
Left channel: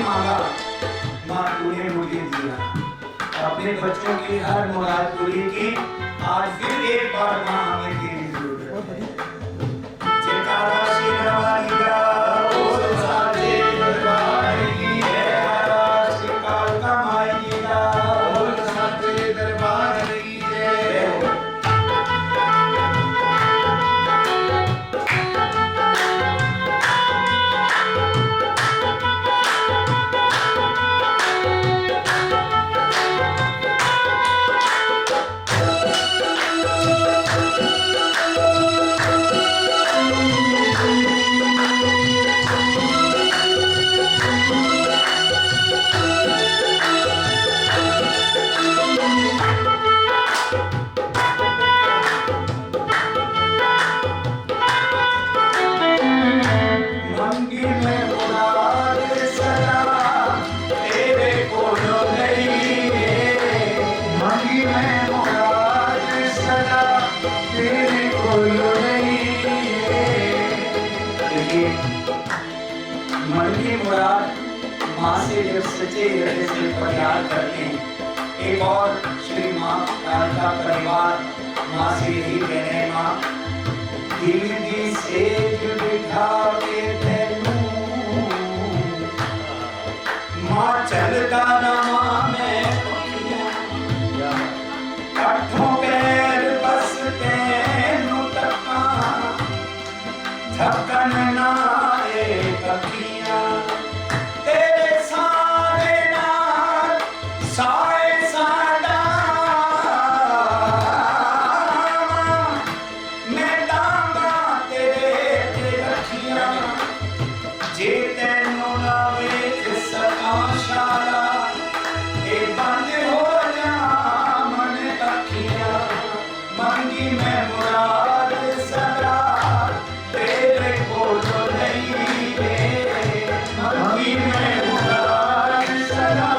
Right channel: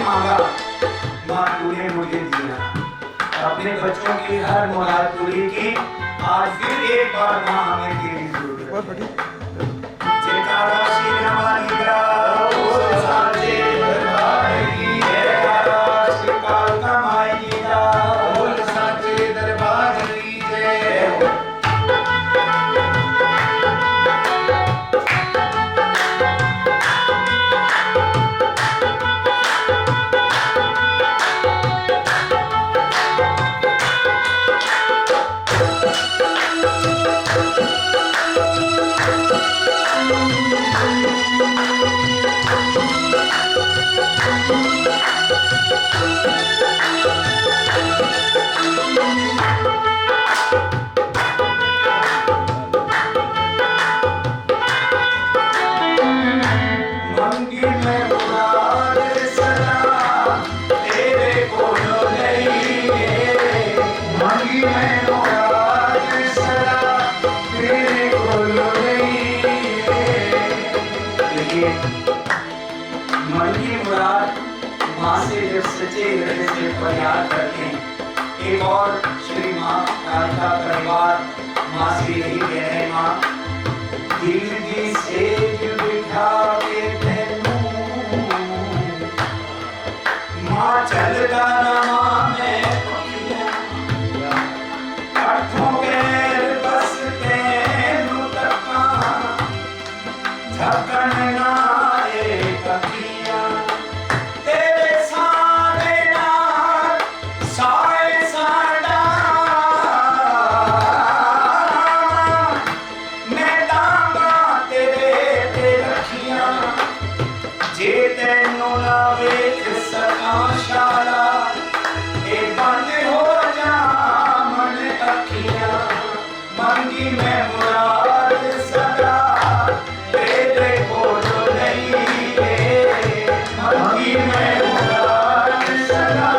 मांगा, माँ तूने मुझे दिया। अपने बच्चों की हर मुराद पूरी की। आज फिर एक बार माँ हमें तेरी जरूरत है। जयकारा शेरा वाली का बोल साचे दरबार की, जयकारा श्री कालका माई जी का बोल साचे दरबार की जय हो। मंगी में मुराद सदा तेरे कोलो नहीं है। मंगी में मुराद सदा तेरे कोलो नहीं है। देखिए, मन की मुराद माँ से जब सच्चे हृदय से फरियाद करते हैं। एक और श्री माँ कालका परिवार माँ से यही कह रहे हैं, माँ दिल की सेज बिठा के तैनू माँ चलता रमा मैं अठों पैर बस तैनू तका झकन ना एक अखियां तेरे सारे नाल साए साडा मैं डांगा तेरे ते रखियां जे तैनू ना वेख सका शाला ए बंद हो जा मन अखियां। मंगी मैं मुराद सदा तेरे कोलो नहीं है। मंगी मैं मुराद सदा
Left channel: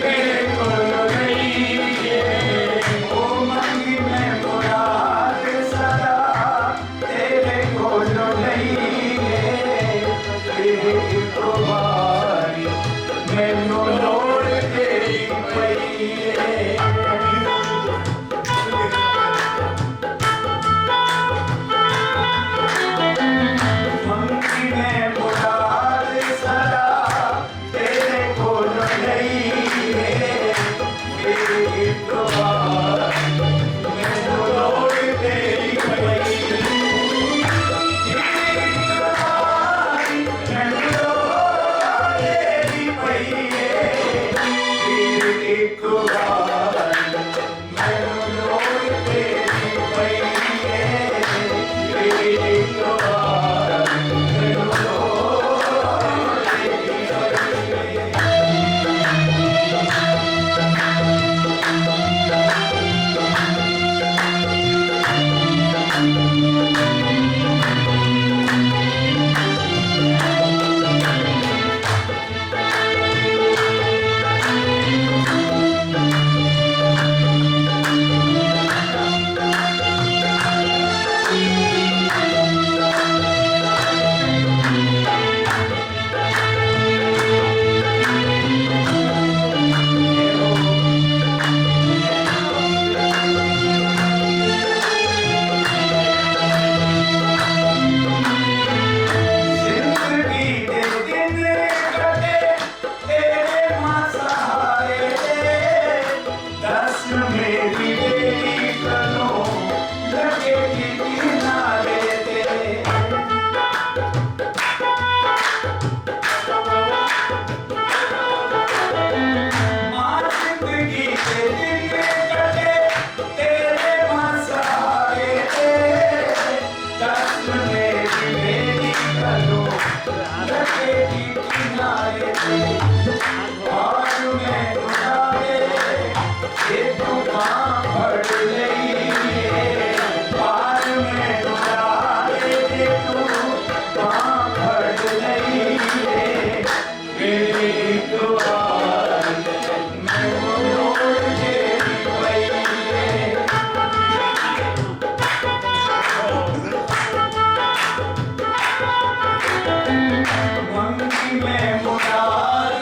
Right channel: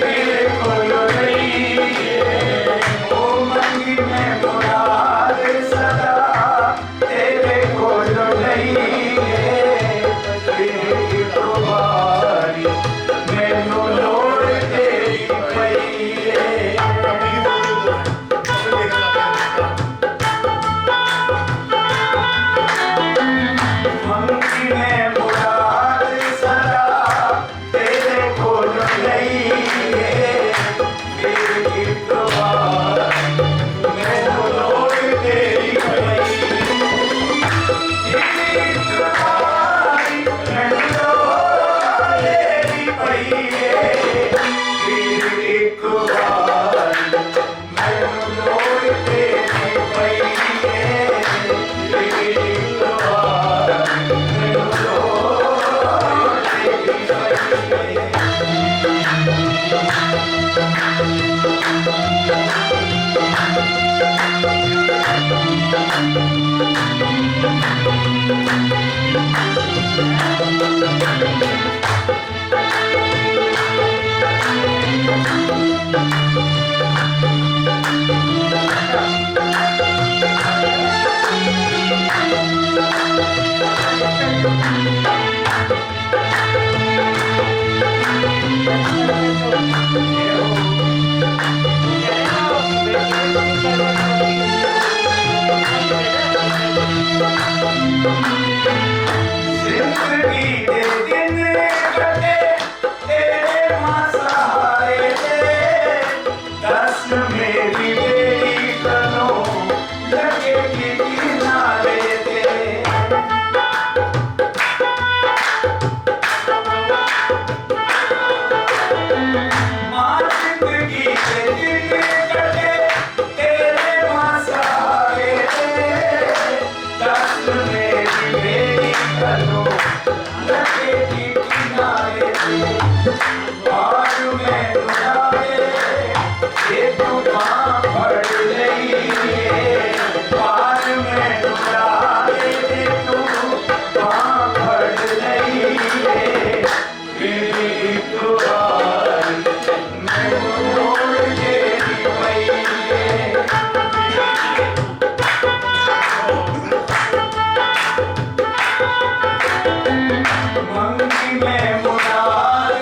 तेरे कोलो नहीं है। ओ मंगी मैं मुराद सदा तेरे कोलो नहीं है। तेरी कुर्बानी मैनू लोड़ तेरी पई है। मंगी में मुराद सदा तेरे कोलो नहीं है। तेरी कुर्बानी मैनू लोड़ तेरी पई। तेरी कुर्बानी मैनू लोड़ तेरी पई है। तेरी कुर्बानी मैनू लोड़ तेरी पई है। तेरी कुर्बानी मैनू लोड़ तेरी पई है। जिंदगी दे दिन कटे तेरे माँ सहारे दे। दस मेरी बेटी करो लगे कि किनारे दे। माँ जिंदगी दे दिन कटे तेरे माँ सहारे दे। दस मेरी बेटी करो लगे कि किनारे दे। आज मैं तुम्हारे ये तूफान भर रही है। आज मैं तुम्हारे ये तूफान भर रही है। मेरी कुर्बानी मैनू लोड़ तेरी पई है। मंगी में मुराद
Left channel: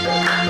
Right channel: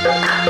बांध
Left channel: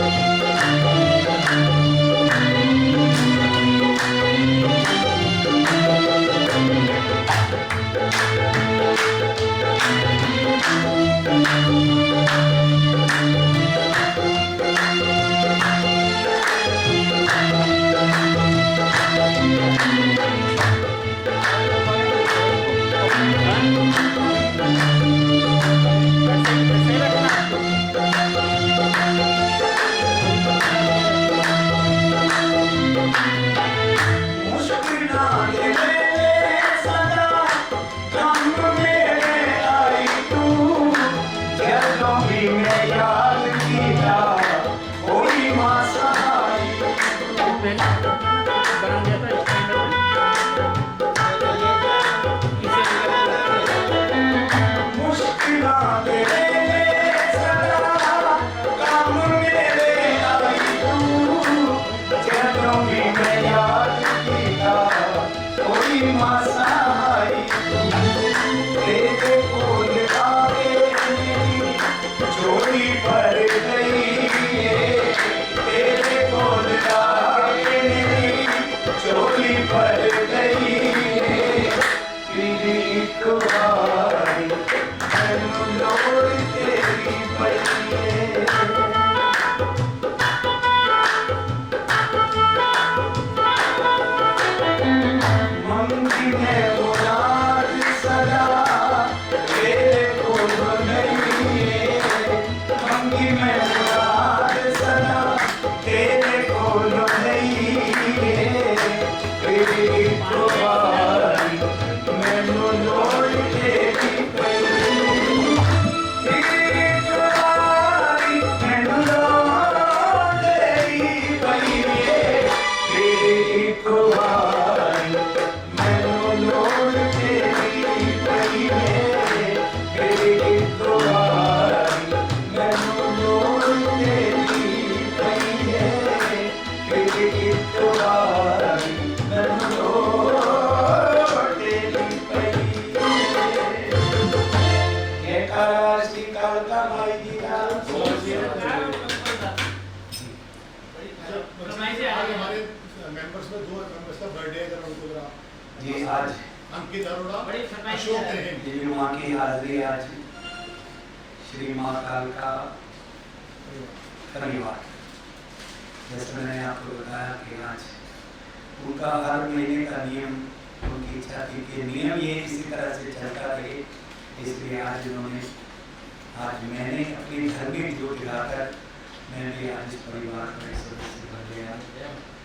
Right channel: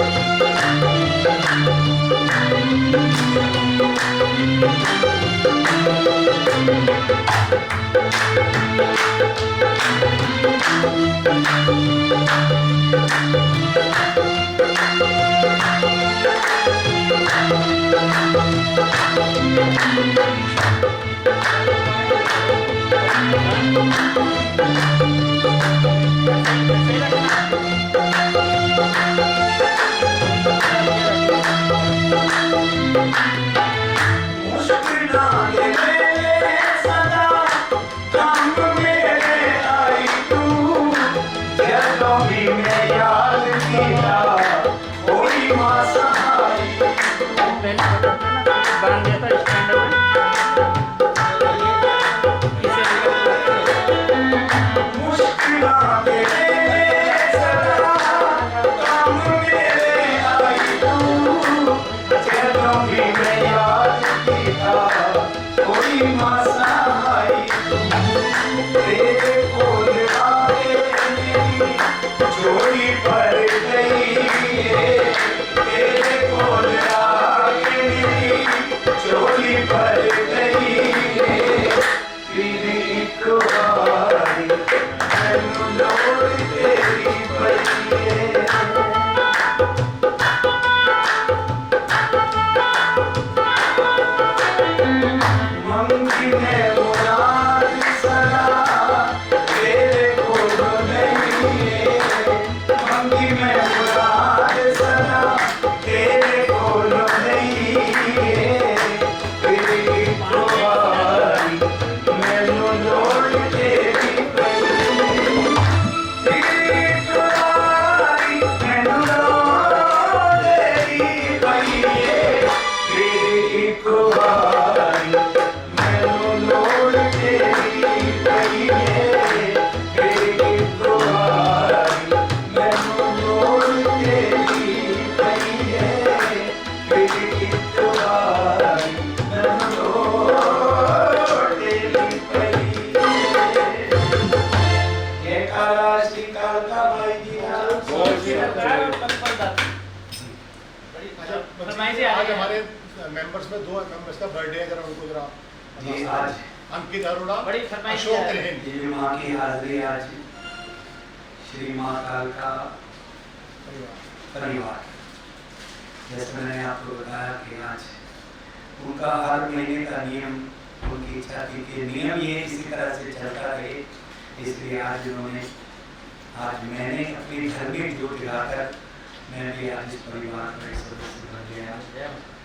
दिया था स्टैंड में आज हमारे मेंबर्स में 2 मेंबर्स का बर्थडे है, अगर उनको जरा जी आज अंकित अरोड़ा, बड़ी फरमाइश अशोक है। रहेंगे। ये माँ की हाजिरी आज श्री माँ कालका परिवार, जैसे मैंने आपको बताया कि आज उनका हर महीने का नियम, उनकी इच्छा थी कि नियम ये इसी तरह से चलता रहे, इसलिए आज उन्होंने, आज मैंने अपनी धार्मिक जोत जगाकर मैं भी आज इस परिवार का एक सदस्य बन गया।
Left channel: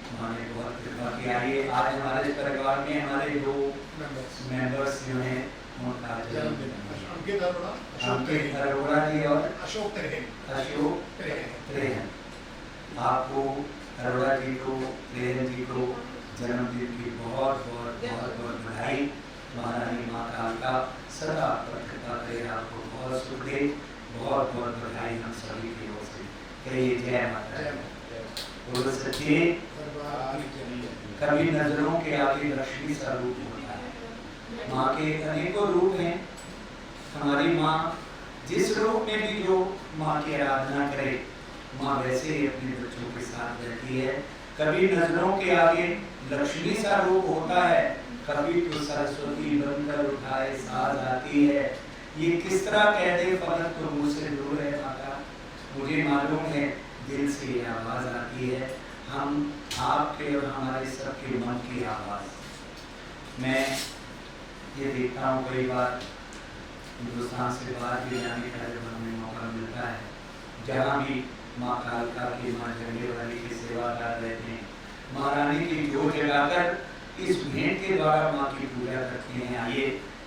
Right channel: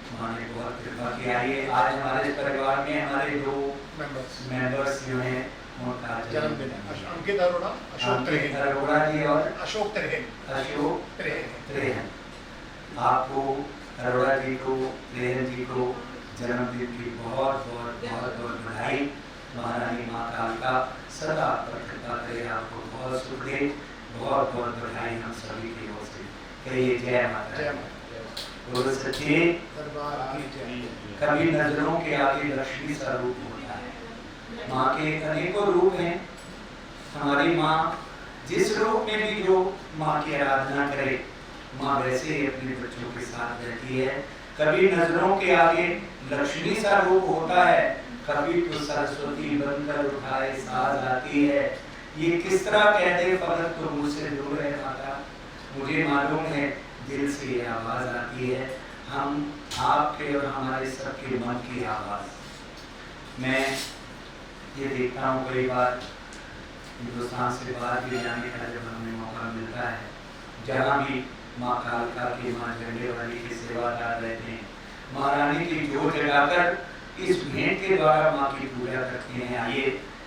माँ ने बहुत कृपा की। आइए आज हमारे परिवार में हमारे 2 मेंबर्स जो हैं उनका जन्मदिन है। अंकित अरोड़ा, अंकित अरोड़ा जी और अशोक त्रेहन। आपको अरोड़ा जी को, त्रेहन जी को जन्मदिन की बहुत बहुत बधाई। महारानी माँ कालका सदा पर कृपा करे, आपको बहुत सुख दे। बहुत बधाई हम सभी की ओर से। कहिए जय माता दी। बोलो सच्चे दरबार की जय। कभी नजरों के आगे लक्ष्मी सा रूप होता है। माँ के अनेकों रूप हैं। हमारी माँ जिस रूप में भी जो माँ की आराधना करे, माँ वैसे ही अपने बच्चों के साथ रहती है। कभी नजरों के आगे लक्ष्मी सा रूप होता है, कभी तो सरस्वती बनकर उठाए साज आती है। ये किस तरह कह दे फलक तो मुझसे दूर है माता, मुझे मालूम है दिल से ये आवाज आती है। हम आपके और हमारे सबके मन की आवाज। मैं ये देखता हूँ कई बार हिंदुस्तान से बाहर भी जाने का जब हमें मौका मिलता है, जहाँ भी माँ कालका की, माँ झंडे वाली की सेवादार रहते हैं, महारानी की जोत जगाकर इस भेंट के द्वारा माँ की पूजा करते हैं। आइए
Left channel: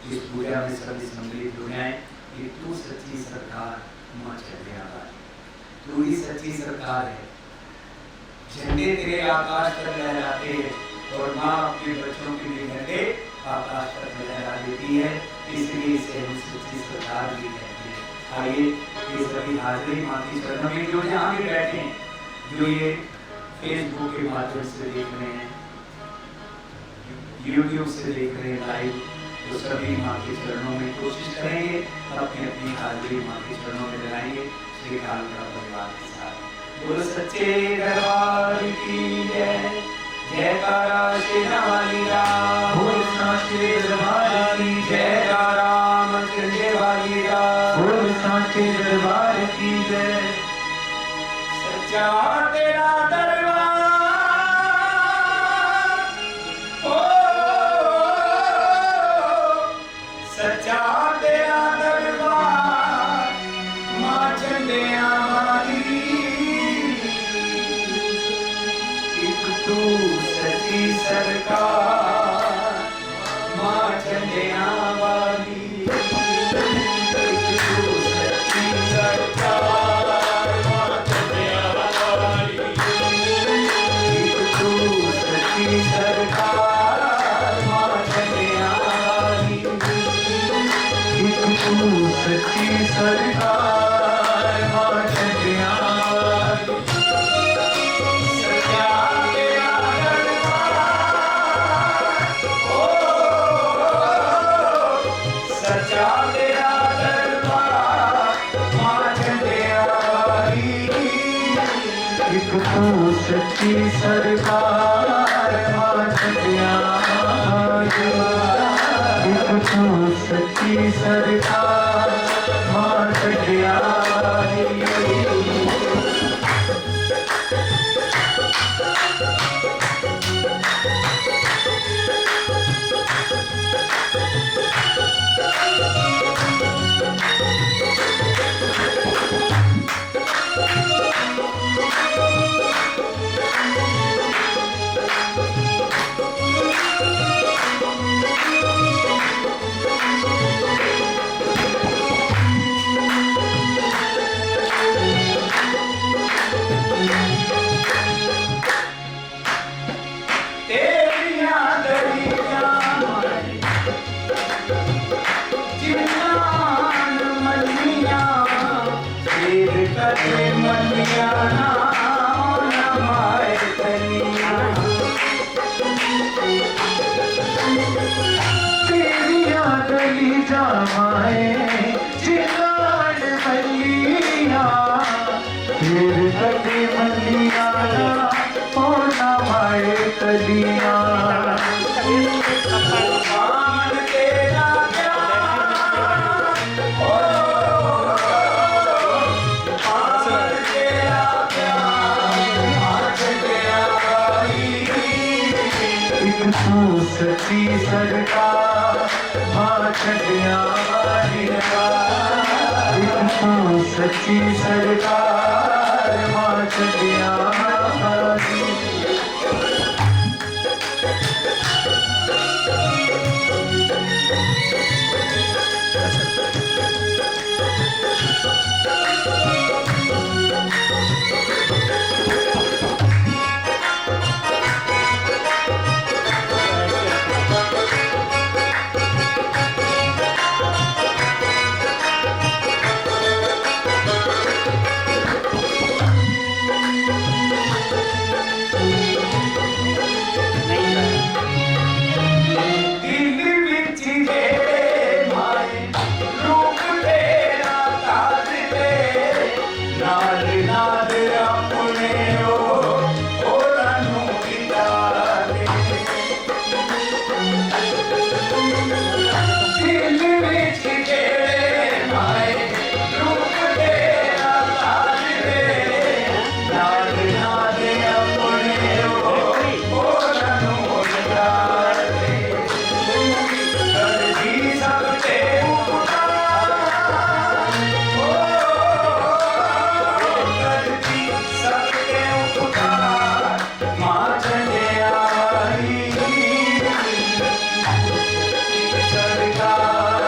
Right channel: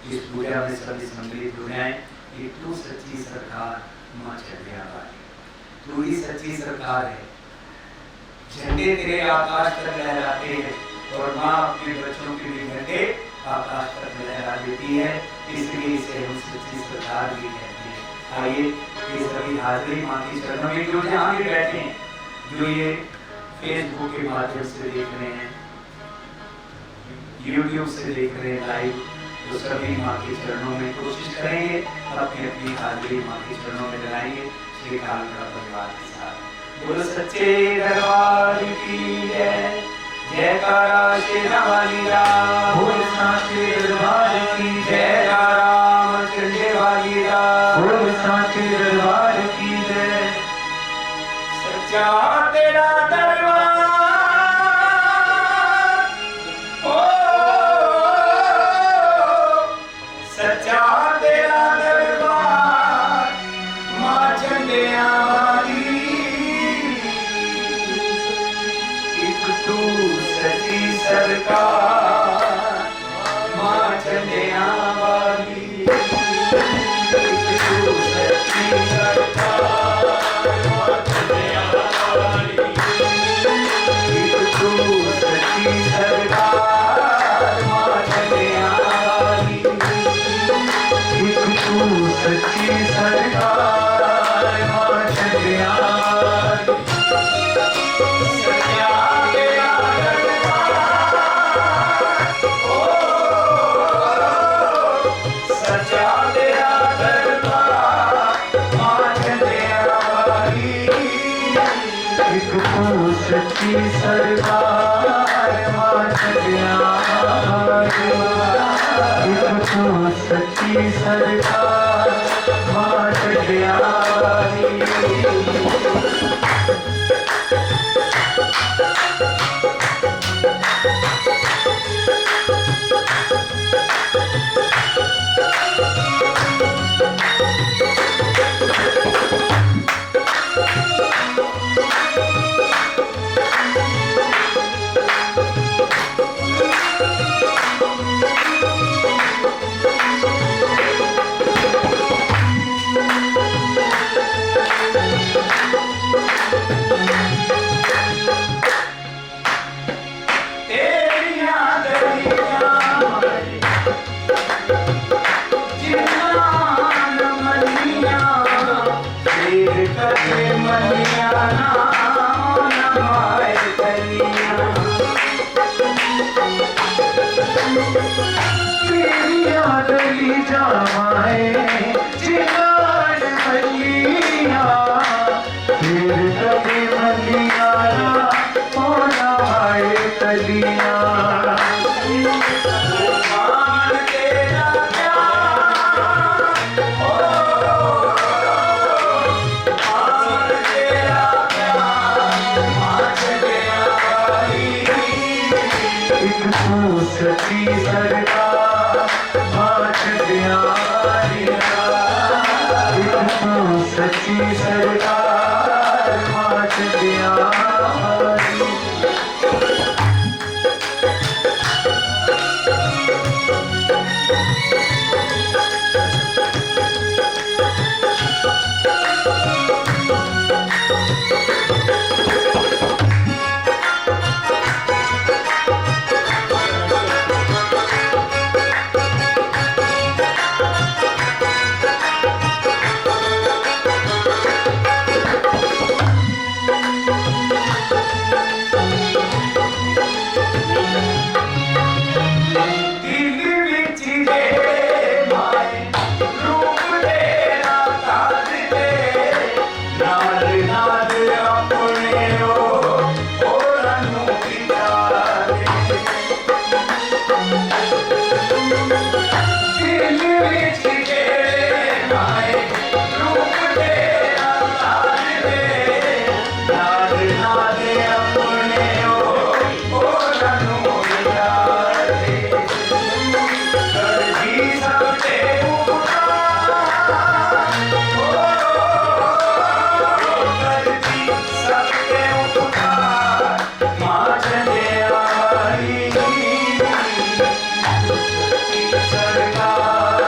इस पूजा में सभी सम्मिलित हो जाएं। कि तू सच्ची सरकार माँ झंडे वाली, तू ही सच्ची सरकार है। झंडे तेरे आकाश तक लहराते हैं और माँ अपने बच्चों के लिए झंडे आकाश तक लहरा देती है, इसलिए इसे हम सच्ची सरकार भी कहते हैं। आइए ये सभी हाजिरी माँ की चरणों में, जो यहाँ भी बैठे हैं, जो ये फेसबुक के माध्यम से देख रहे हैं, यूट्यूब से देख रहे हैं लाइव, तो सभी माँ के चरणों में कोशिश करेंगे अपनी अपनी हाजिरी माँ के चरणों में लगाएंगे श्री कालका परिवार के साथ। बोल सच्चे दरबार की जय। जयकारा शेरा वाली राम, बोल सांचे दरबार की जय। जयकारा मचंडे वाली राम, बोल सांचे दरबार की जय। सच्चा तेरा दरबार, ओ सच्चा तेरा दरबार, मां चंडिया वाली। एक तू सच्ची सरकार, मां चंडिया वाली। एक तू सच्ची सरकार, मां चंडिया वाली। एक तू सच्ची सरकार, मां चंडिया वाली। एक तू सच्ची सरकार, मां चंडिया वाली। सच्चा तेरा दरबार, ओ सच्चा तेरा दरबार, मां चंडिया वाली। एक तू सच्ची सरकार, मां चंडिया वाली। एक तू सच्ची सरकार, मां चंडिया वाली। तेरियां दरियां जिन्नान मनियां, तेर कदे मनियां ना माए तनियां। तेरियां गली जामाए जिनान मलिया, तेरे कदे मलिया ओ नवाए तलिया। मान तेरा प्यार, ओ मान तेरा प्यार, मां चंडिया वाली। एक तू सच्ची सरकार, मां चंडिया वाली। एक तू सच्ची सरकार, मां चंडिया वाली। दिल विच जेड़े माए रूप तेरा ताज दे, नाल नाल अपने ओरां नूं विचारे। दिल विच जेड़े माए रूप तेरा ताज दे, नाल नाल अपने ओरां नूं विचारे। करदी सब ते उपकार, ओ करदी सब ते उपकार, मां चंडिया वाली। सरकार,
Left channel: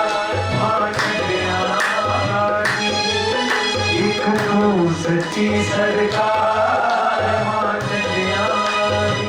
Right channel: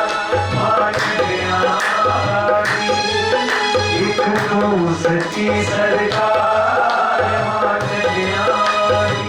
मां चंडिया वाली। एक तू सच्ची सरकार, मां चंडिया वाली।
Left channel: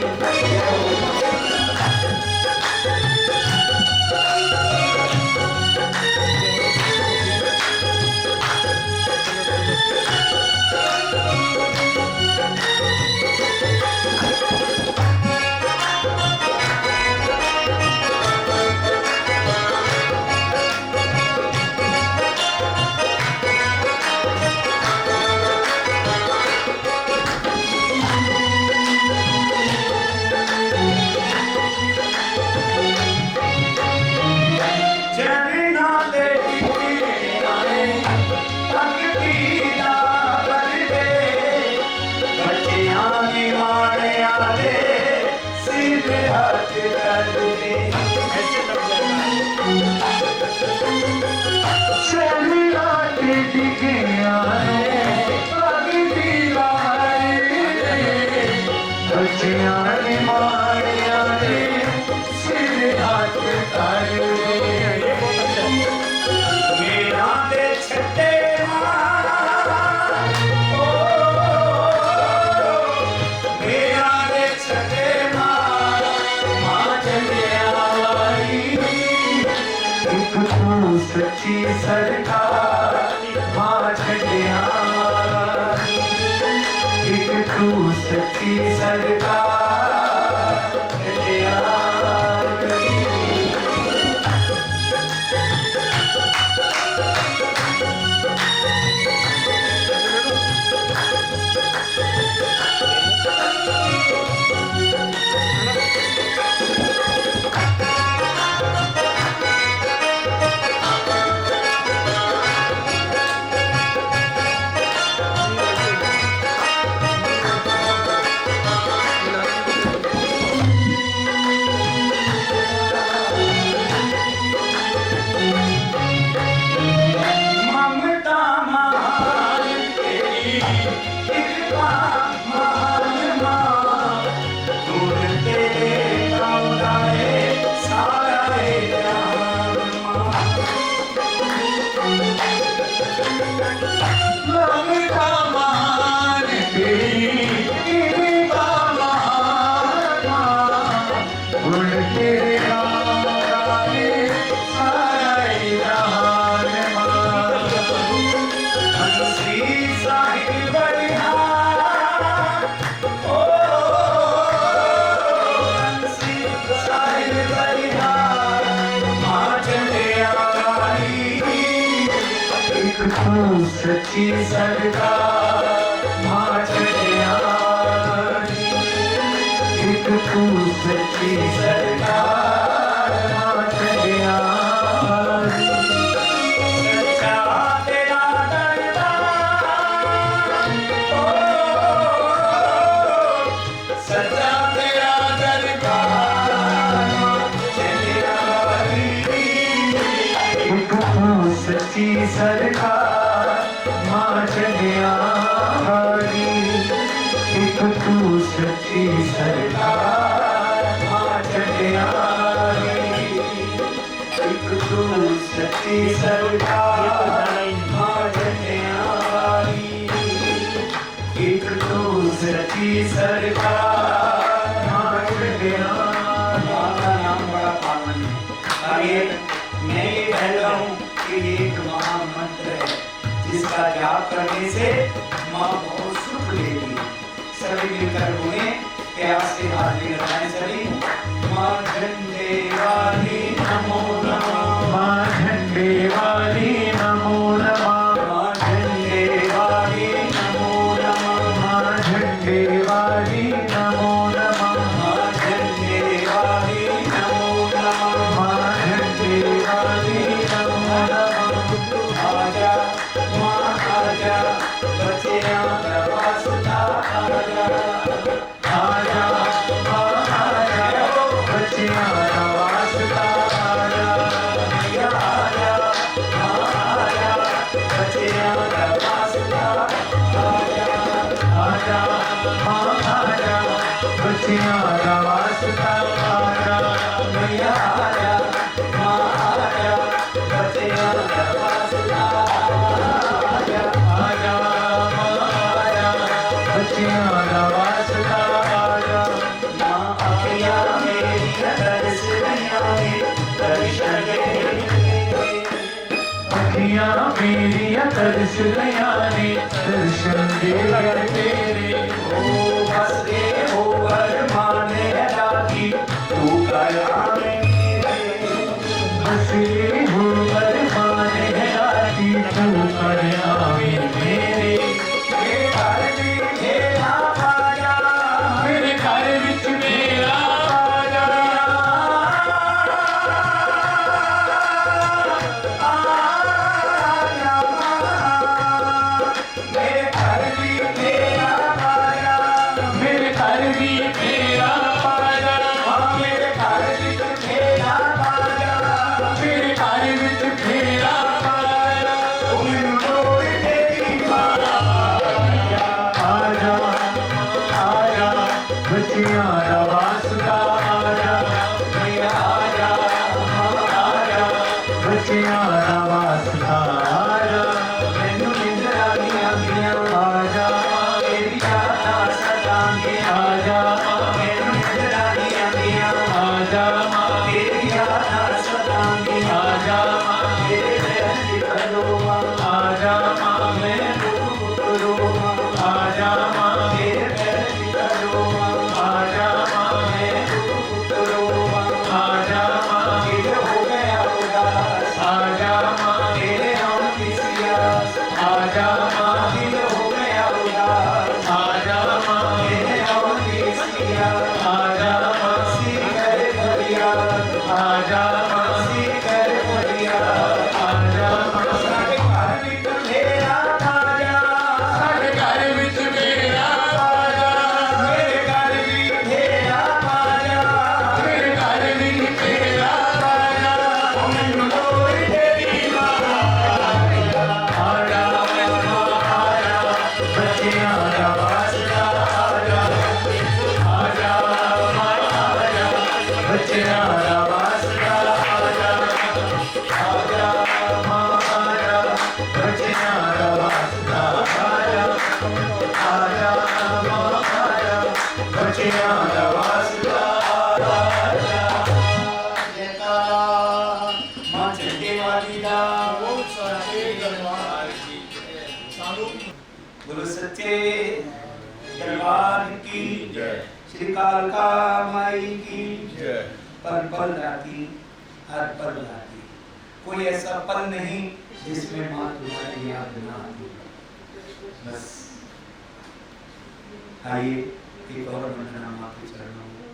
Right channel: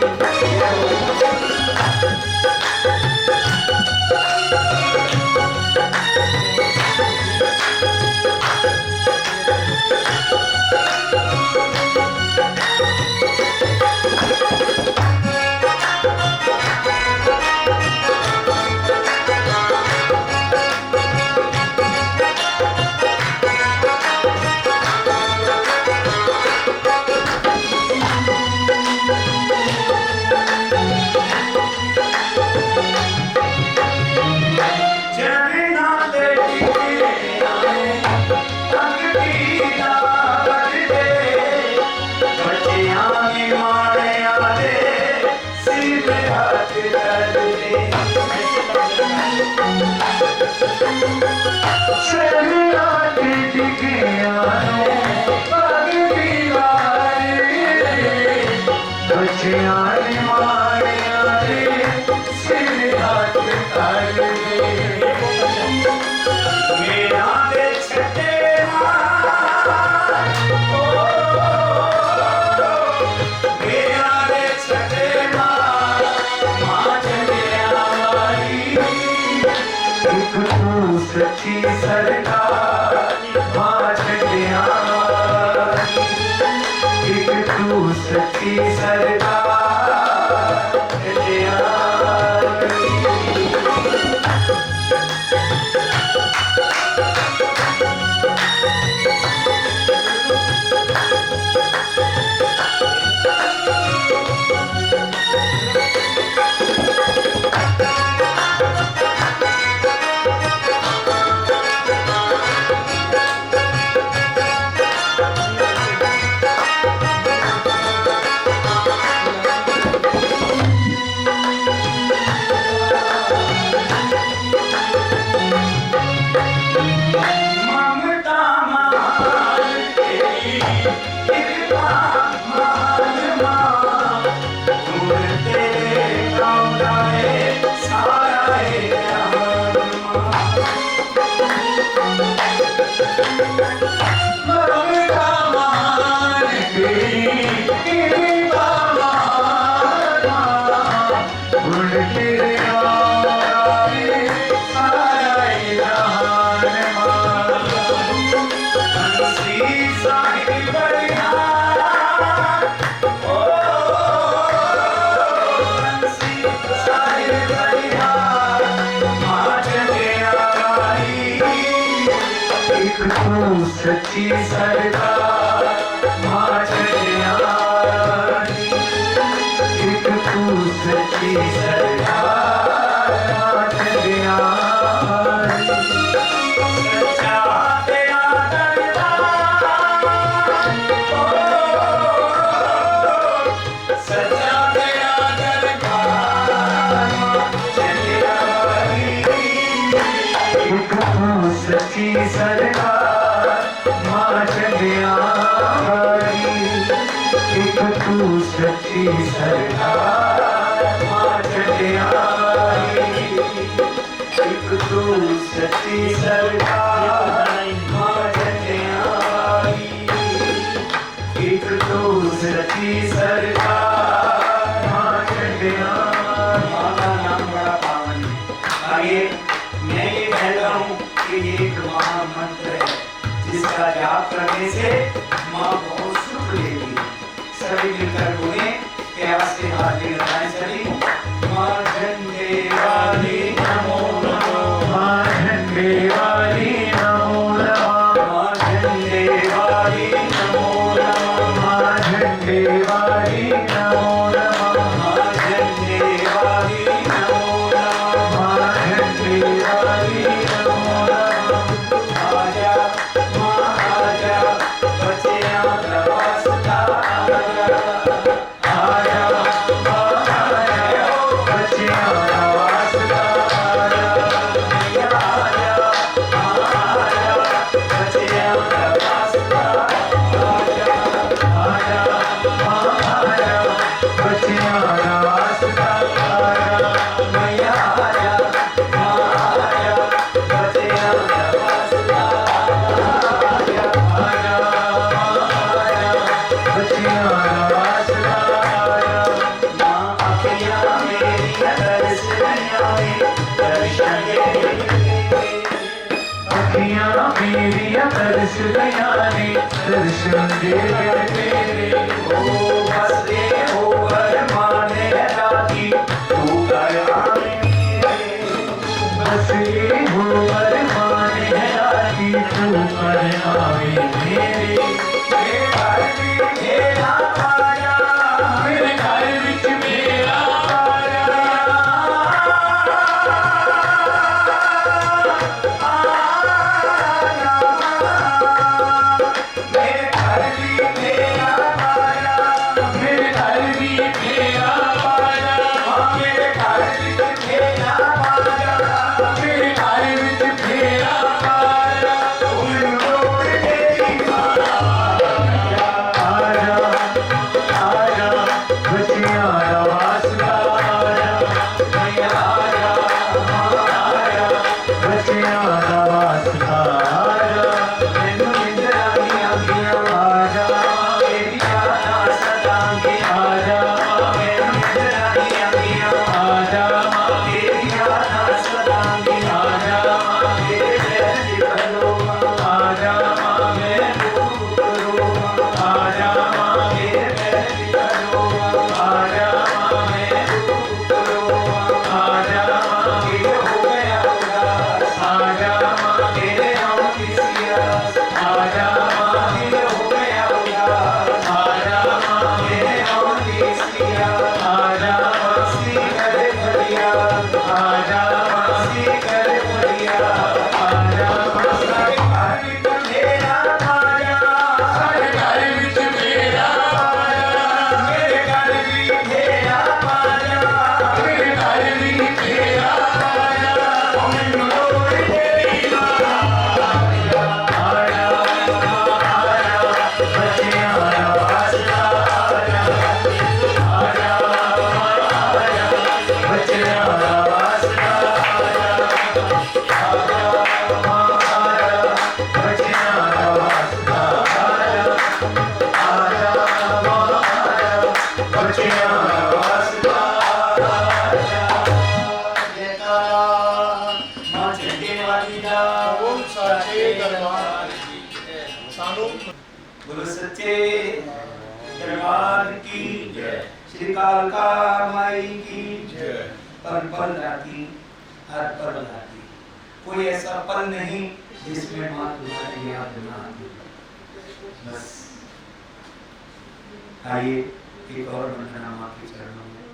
सच्ची सरकार मां छड़िया एक तू सच्ची सरकार छड़िया सच्ची सरकार मां छड़िया एक तू सच्ची सरकार मां छड़िया सच्चा तेरा दरबार सच्चा तेरा दरबार मां छड़िया एक तू सच्ची सरकार मां छड़िया एक तू सच्ची सरकार मां छड़िया एक तू सच्ची सरकार मां छड़िया एक तू सच्ची सरकार मां छड़िया। मां का नाम बड़ा पावन है। आइए मैं ये कहता हूँ कि ये एक महामंत्र है जिसका जाप करने से माँ बहुत सुख लेती है। सभी मिलकर बोले प्यार से हाथ लगाएं सभी। माँ झंडे वाली नमो नमः माँ झंडे वाली नमो नमः माँ झंडे वाली नमो नमः माँ झंडे वाली नमो नमः माँ झंडे वाली नमो नमः माँ झंडे वाली नमो नमः। आजा आजा बच्चियां वास्ता आजा आजा आजा बच्चियां वास्ता आजा आजा आजा बच्चियां वास्ता आजा आजा आजा बच्चियां वास्ता आजा मैया आजा आजा बच्चियां वास्ता तरस गयाने दर्शन दे तेरे ओ बसरे हो माने रागी तू कर आवे बसरे हो माने रागी तू कर आवे मेरे घर में मेरा आजा मेरे घर विच मेरा आजा मेरे घर भी मेरा सच्चे वालीदा ओम साचे दरबार सानू बोलो सच्चे दरबार की जय। श्री कालका माई की जय। पल पल राती, हर पल राती, कोई ऐसा पल नहीं जिसमें माँ तुम्हारी याद ना आती। बस आइए एक और वंदना माँ के चरणों में।